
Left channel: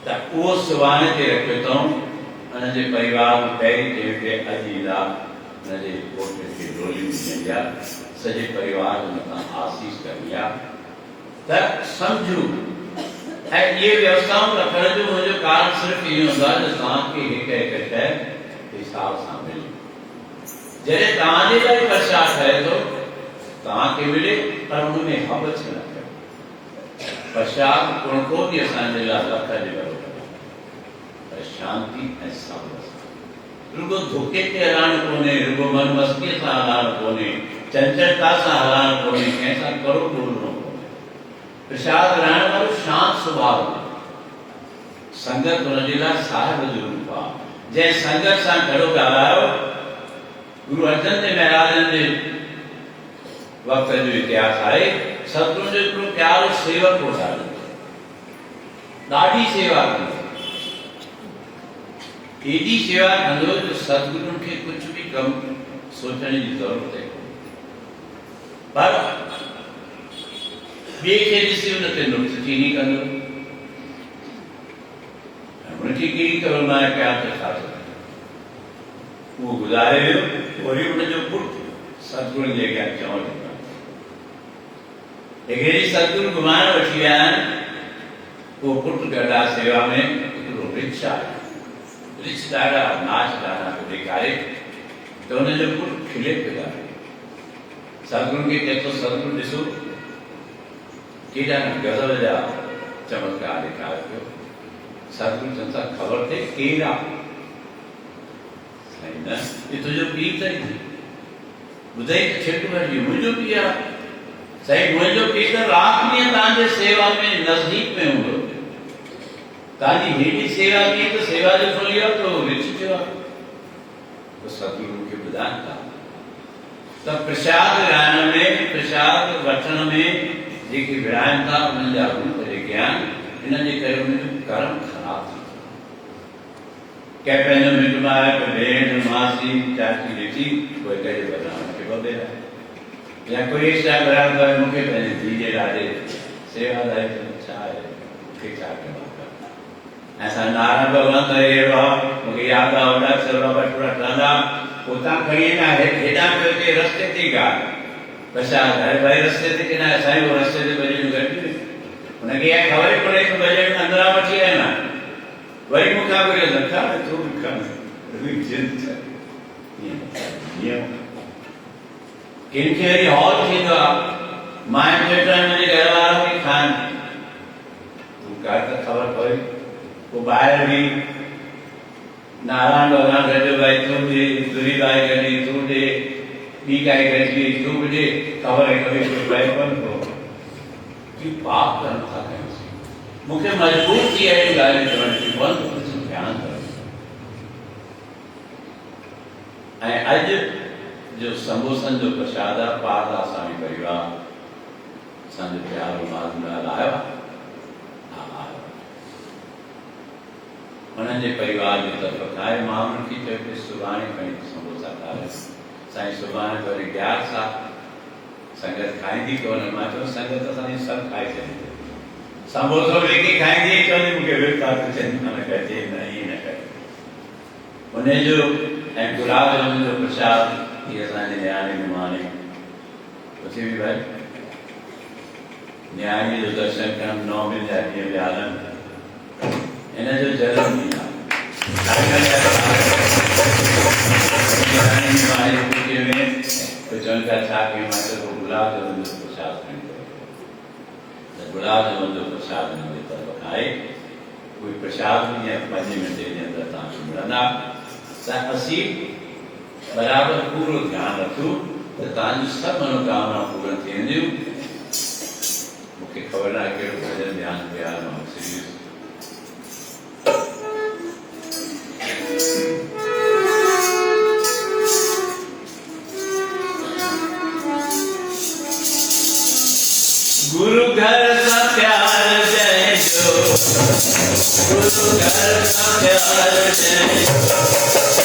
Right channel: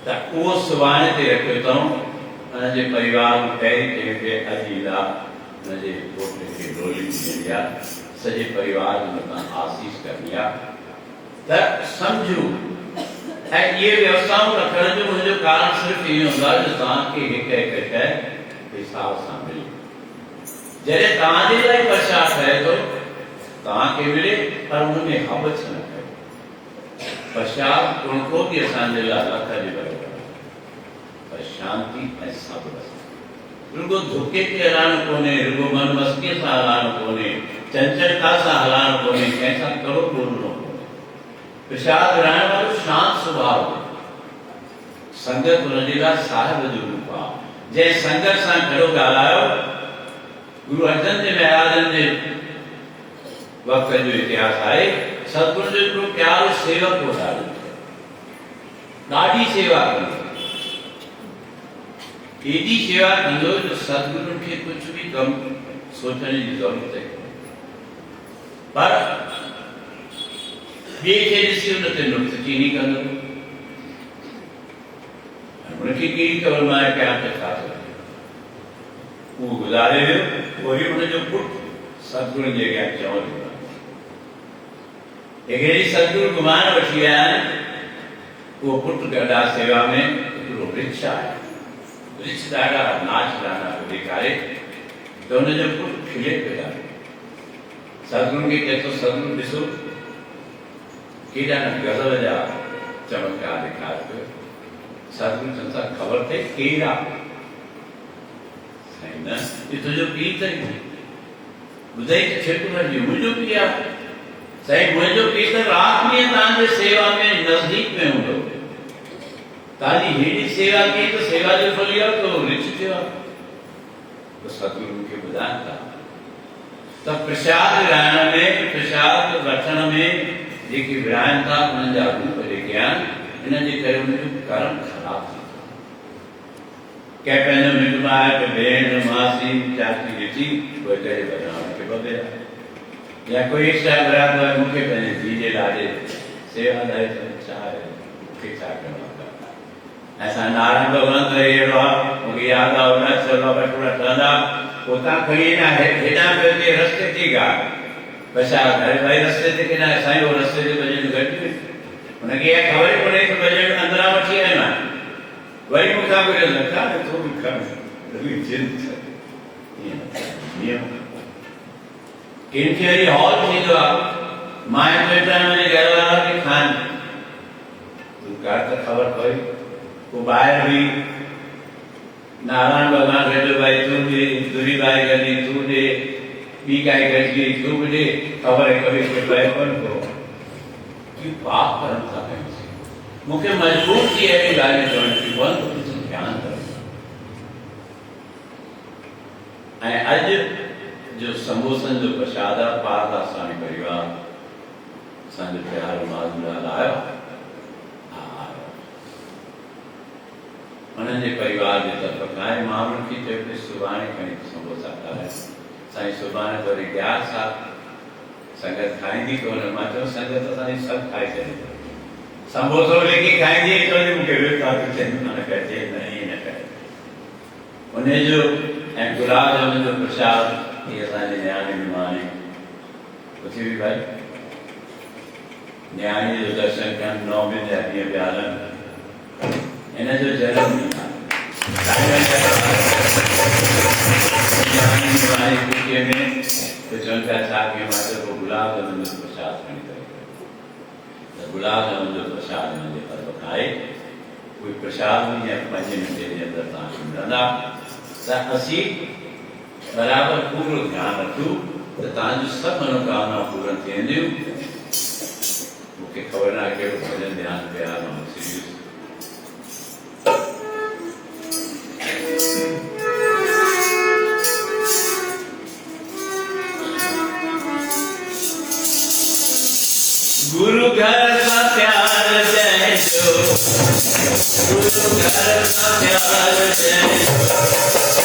त उहो सुभाणे ते रखियो अथऊं हुनजे परिवार में पहिरीं ते वे अजीला हुनजे घोट खे डोली ॾियणी आहे सॼे परिवार जे मथां आसीस करणी आहे त सम्झो ऐं इहे व्यवस्थाऊं रखण जो मुंहिंजो कारण सिर्फ़ु इहो हूंदो आहे जो तव्हांखे हिकु हिकु शइ हिसाब सां मिले जॾहिं तव्हांजे लाइ प्रसाद ठहे थो तव्हांखे मिले पर हुन में हबच न कयो प्रसाद कुणको बि असांजे लाइ लख जे बराबरि पर शांति ऐं सब्र रुगो धोखे ते हलाइणो कोन्हे रुगो मन मस्तीअ सां हलाइणो कोन्हे चंचलता सां हलाइणो कोन्हे कंहिंसां करो ॿोलणो कोन्हे प्रसाद विराइण वारो शांत स्वभाव संगत हुनजे लाइ साहिब जो रूप आहे जंहिं संगत सां गॾो ॻाल्हायो गुरु अर्जन देव महाराजन जे वक़्त जो इतिहास आहे सतगुरु जो हिकिड़ो प्यारो सेवक हो ॾाढी सेवा कई एॾी सेवा कंदो जो सतगुरुनि खे कुझु बि कमु सोचण जी ज़रूरत आहे पर ॿिए खे ॾिसी हुन ते नुक्सचीनी कंदो हुनखे कहिड़ी ख़बर मां कयां त छा थो थिए उहो गुज़ारे वियो वरी हुनजो पुटु सतगुरुनि जे अॻियां चवणु लॻो हिकिड़ी सतगुरु घुमाइण वठी विया आहिनि उहो पुटु गॾा सेवा में हिकिड़ो वृक्ष आहे वृक्ष ॾाढा नाच गाना पियो ॾेखारे त हुनजो पुटु खिले पियो ॾाढो सतगुरुनि खे चए थो सतगुरु ॾिसो केॾा न गज़ल जा चमत्कार ॾेखारे पियो सतगुरु चवनि था ख़बर अथई कहिड़ा साईं न हे तुंहिंजो पीउ अथई ॿुधई त छिक भरिजी मुंहिंजो पीउ आहे साईं मुंहिंजो पीउ त राति ॾींहुं तव्हांजे सेवा में नज़दीक में हूंदो तव्हांजी हेॾी सेवा कई त सेवा जो फल इहो त वृक्ष थियो आहे त सतगुरु खे ॿुधाइनि था त प्रसाद विराइण में प्रसाद वठण में जेके विराइनि था उन्हनि जा रूप जेके आहिनि हिन जे करे मुंहिंजो कर्म ख़राबु थी कंहिं पंहिंजो मिट माइट भेण मासी चाची ॾिठी कोई कंहिंजे बदिरां खे ॿधे या कोई एक्स्ट्रा बराबर मूंखे पंहिंजे धीउ जे ॾाढे सेवादारी छा आहे मूंखे छा करिणो आहे ऐं नारायण भॻवान त अहिड़ो आहे मूंखे यादि आहे होॾा थोरा ठहंदा उतां खणी ईंदा हेॾां पियो थिए रस्ते ते ॻाल्हि बसि भाई रस्ते ते किना साईं उहो रस्ते ते भॼन घटि हुनखे इहा ख़बर ई कोन्हे त भॼन अंदरां वठी आयो आहियां वरी मूंखां घुरियो नथा तूं बि खण कंहिंखे वरी हॉल थींदो आहे माइट मिटनि मुंहिंजे घर वारा बि खाइनि तूं कर त ख़बर पई पोइ ॿाहिरि बि नारायण भॻवान गॾु भाई तूं ॾे तुरी बाई गॾी तूं ॾे ॿी काई गॾिजी तूं बि ॾे ख़बर आहे कभी कोई पए कोन थो कि पाप कर्म था कयूं मूंखे मजबूर थी अहिड़ियूं ॻाल्हियूं चवण थियूं पवनि ध्यानु कयो ऐं अॼु जो संबोधन जो प्रसाद आहे पारदास स्वामी परिवार असांजो प्यारो मालूमदार आयो उन्हनि जे परिवार जी तरफ़ खां आहे मां उन्हनि खे चयो कि सुभाणे खणी संबोसा ठाराए साईं सुभाणे वरी 11 साल संगत खाईंदी कोन मां चयो संगत असांजी सभु खाई छॾी संबोसो लेके खाईंदी चवंदी मूंखे विर्ता थो थियनि माना कजे न ईअं न कजे उनजो ऐं गुलाब जामुन जो प्रसाद ये असांजे न्याणे निमाणे उथी बि भाई न्याणे जो दर्शन करणु 9 मिल जा ॾींहं पिया हलनि हिन जो जनम ॾींहुं आहे में चवनि पिया छा कयूं मां चयो गुलाब जामुन जो प्रसाद खणी करे त गुलाब जामुन जो प्रसाद हिन जे तरफ़ खां आहे कोई प्रसाद बि या 5 मिंटे जे अंदरि तव्हांखे मिलंदा त असीं बराबर पूरो ध्यान रखूं त तव्हांजूं सभु मनोकामनाऊं पूरन थींदियूं मूंखे ख़बर न आहे कहिड़ो भॼन ध्यानु पिया मां सीरियस गुरु घर का प्यार जय जो गुरु घर का प्यार जय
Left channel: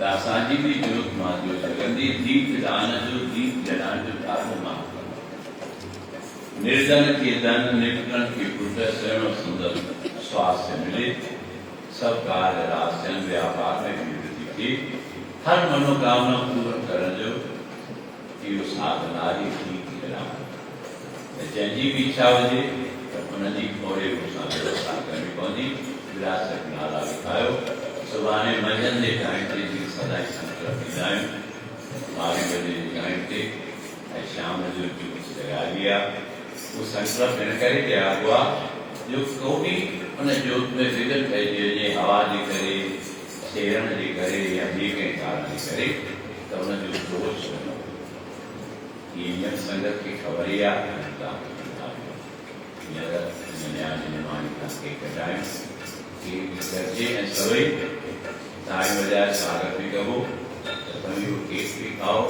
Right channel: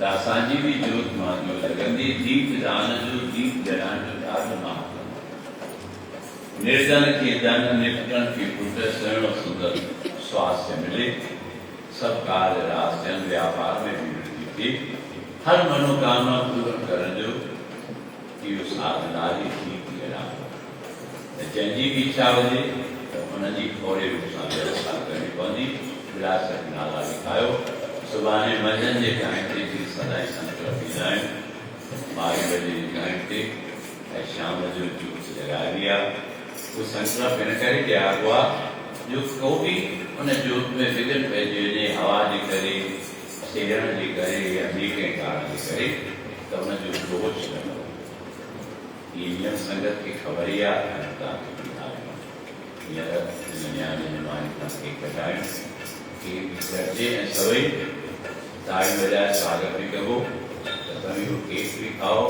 दासांजी भी जोत मां जो जगंदी दीप दान जो दीप जलान जो ॾाढो महत्व निर्धन के धन निपटन की पुट शरण सुंदर स्वास्थ्य मिले सब कार्य राशन व्यापार में भी वृद्धि थी हर मनोकामना पूर्ण करण जो इहो साधनारी थी जंहिंजी बि इच्छा हुजे त उनजी फौरी रूप सां व्यवस्था करणी पवंदी विरासत नाला लिखायो सुभाणे मंझंदि जे टाइम ते जी सदाई संकल्प थींदा आहिनि 12 बजे जे टाइम ते ऐं शाम जो जोत जॻाइबी आहे उहो संकल्प हिन करे कयो आहे जो को बि उन जोत में विघन पइजी वञे हवा जे करे सेरण जे करे या ॿिए कंहिं कारण जे करे त उनजो दोष न ये यम संगत की खबर ही आहे हींअर न्याणी निर्माणी खां केक कटाइण केक कटिजे ऐं सभई ताड़ी वॼाए स्वागत बि कबो त तव्हां इहो केक बि खाओ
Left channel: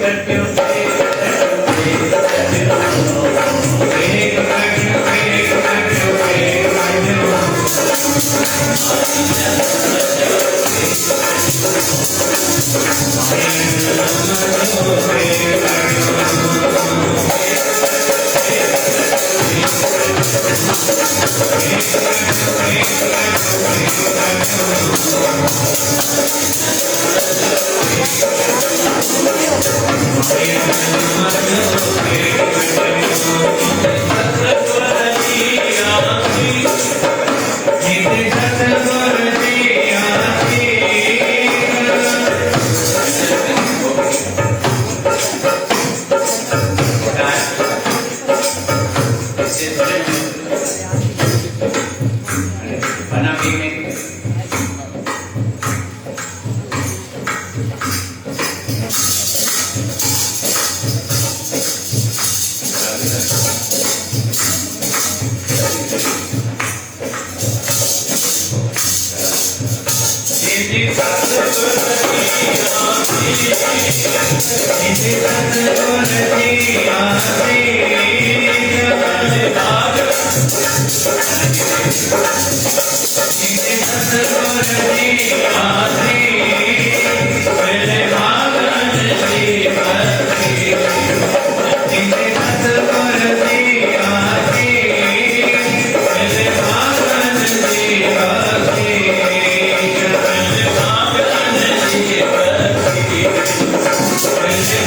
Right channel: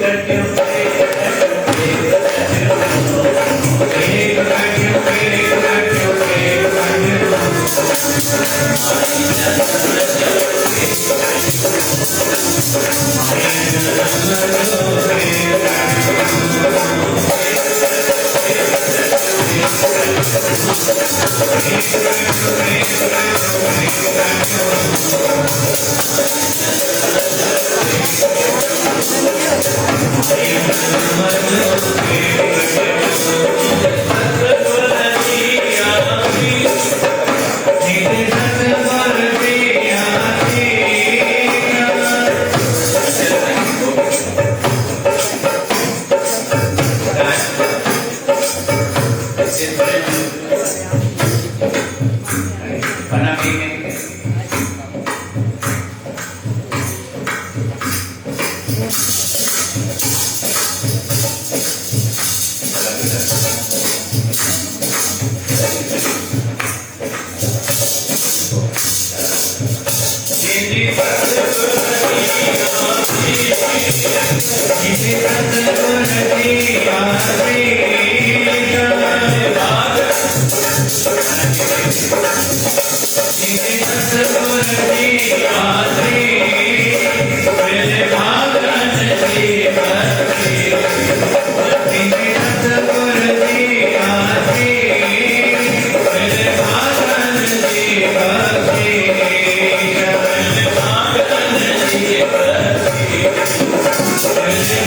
Thank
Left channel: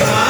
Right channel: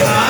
you.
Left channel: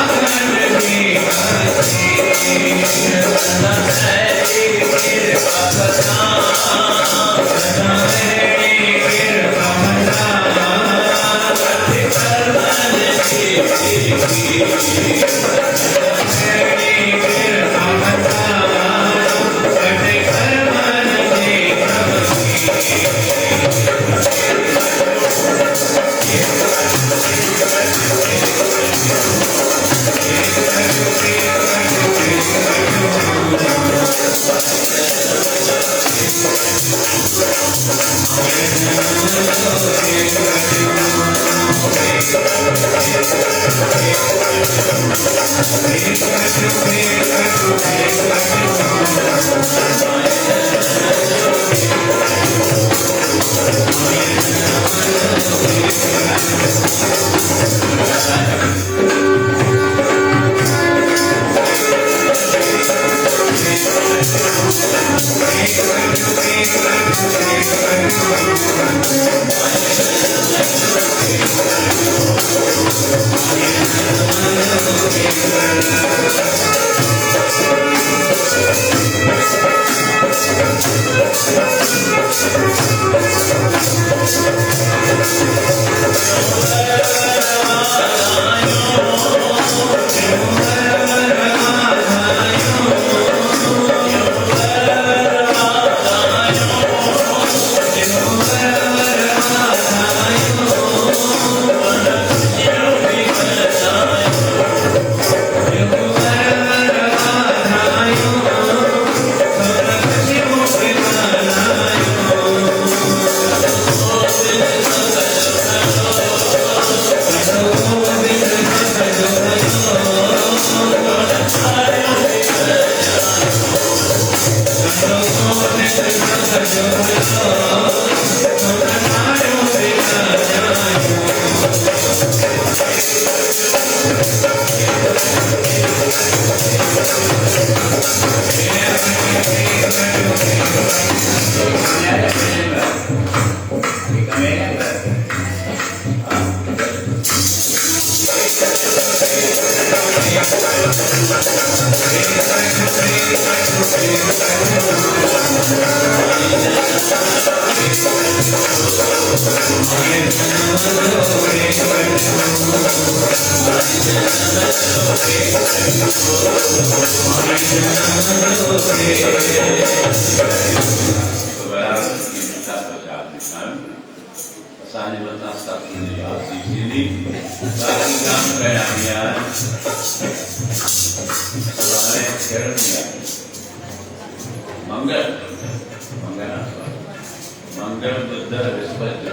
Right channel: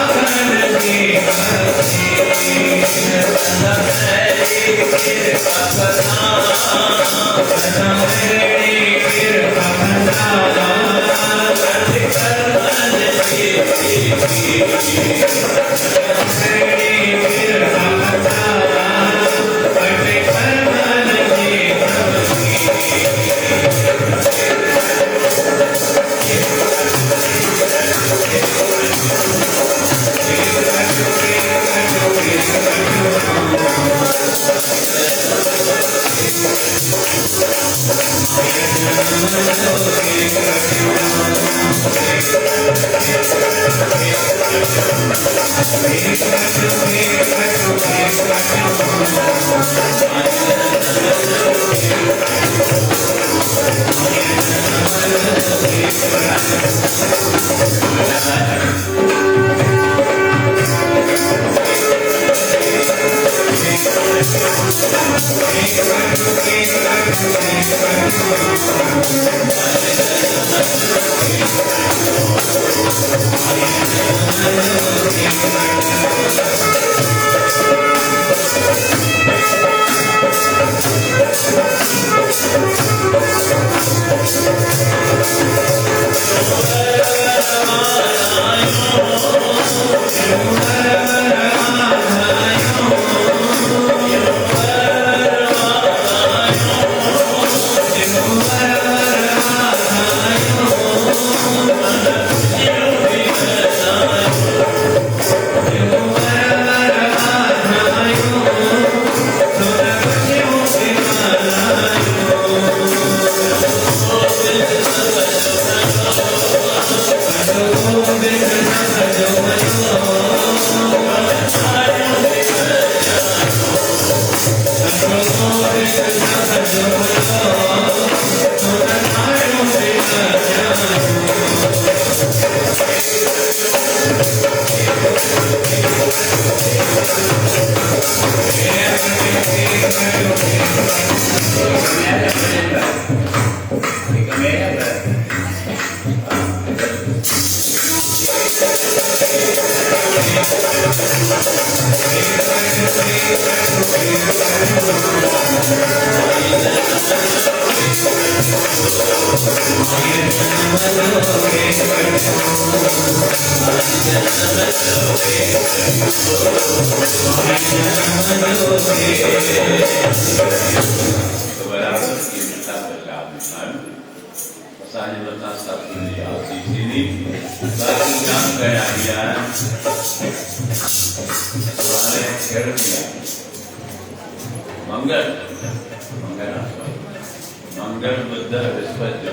मंगल बुद्ध बृहस्पति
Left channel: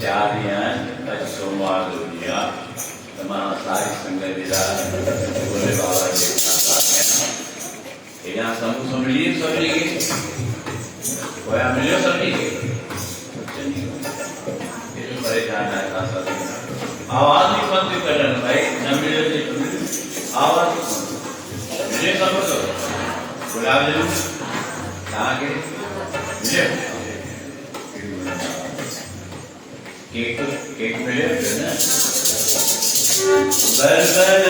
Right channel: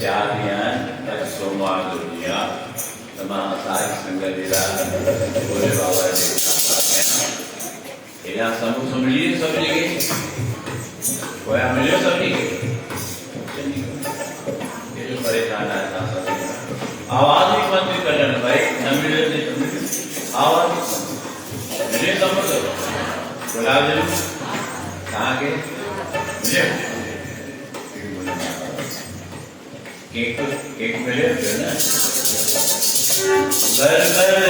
चार सोमवार दुनिया सारी संगत बोले बाबा यहाँ समूह सुन लिए सब जगह कोया मिले सब जगह ये जो परेशान है आवाज ही बंद करना भाई न मिले तो आवाज मिले समझ लो गुलाब जरूर कहाँ के मिले केक केक मिले ना बर बर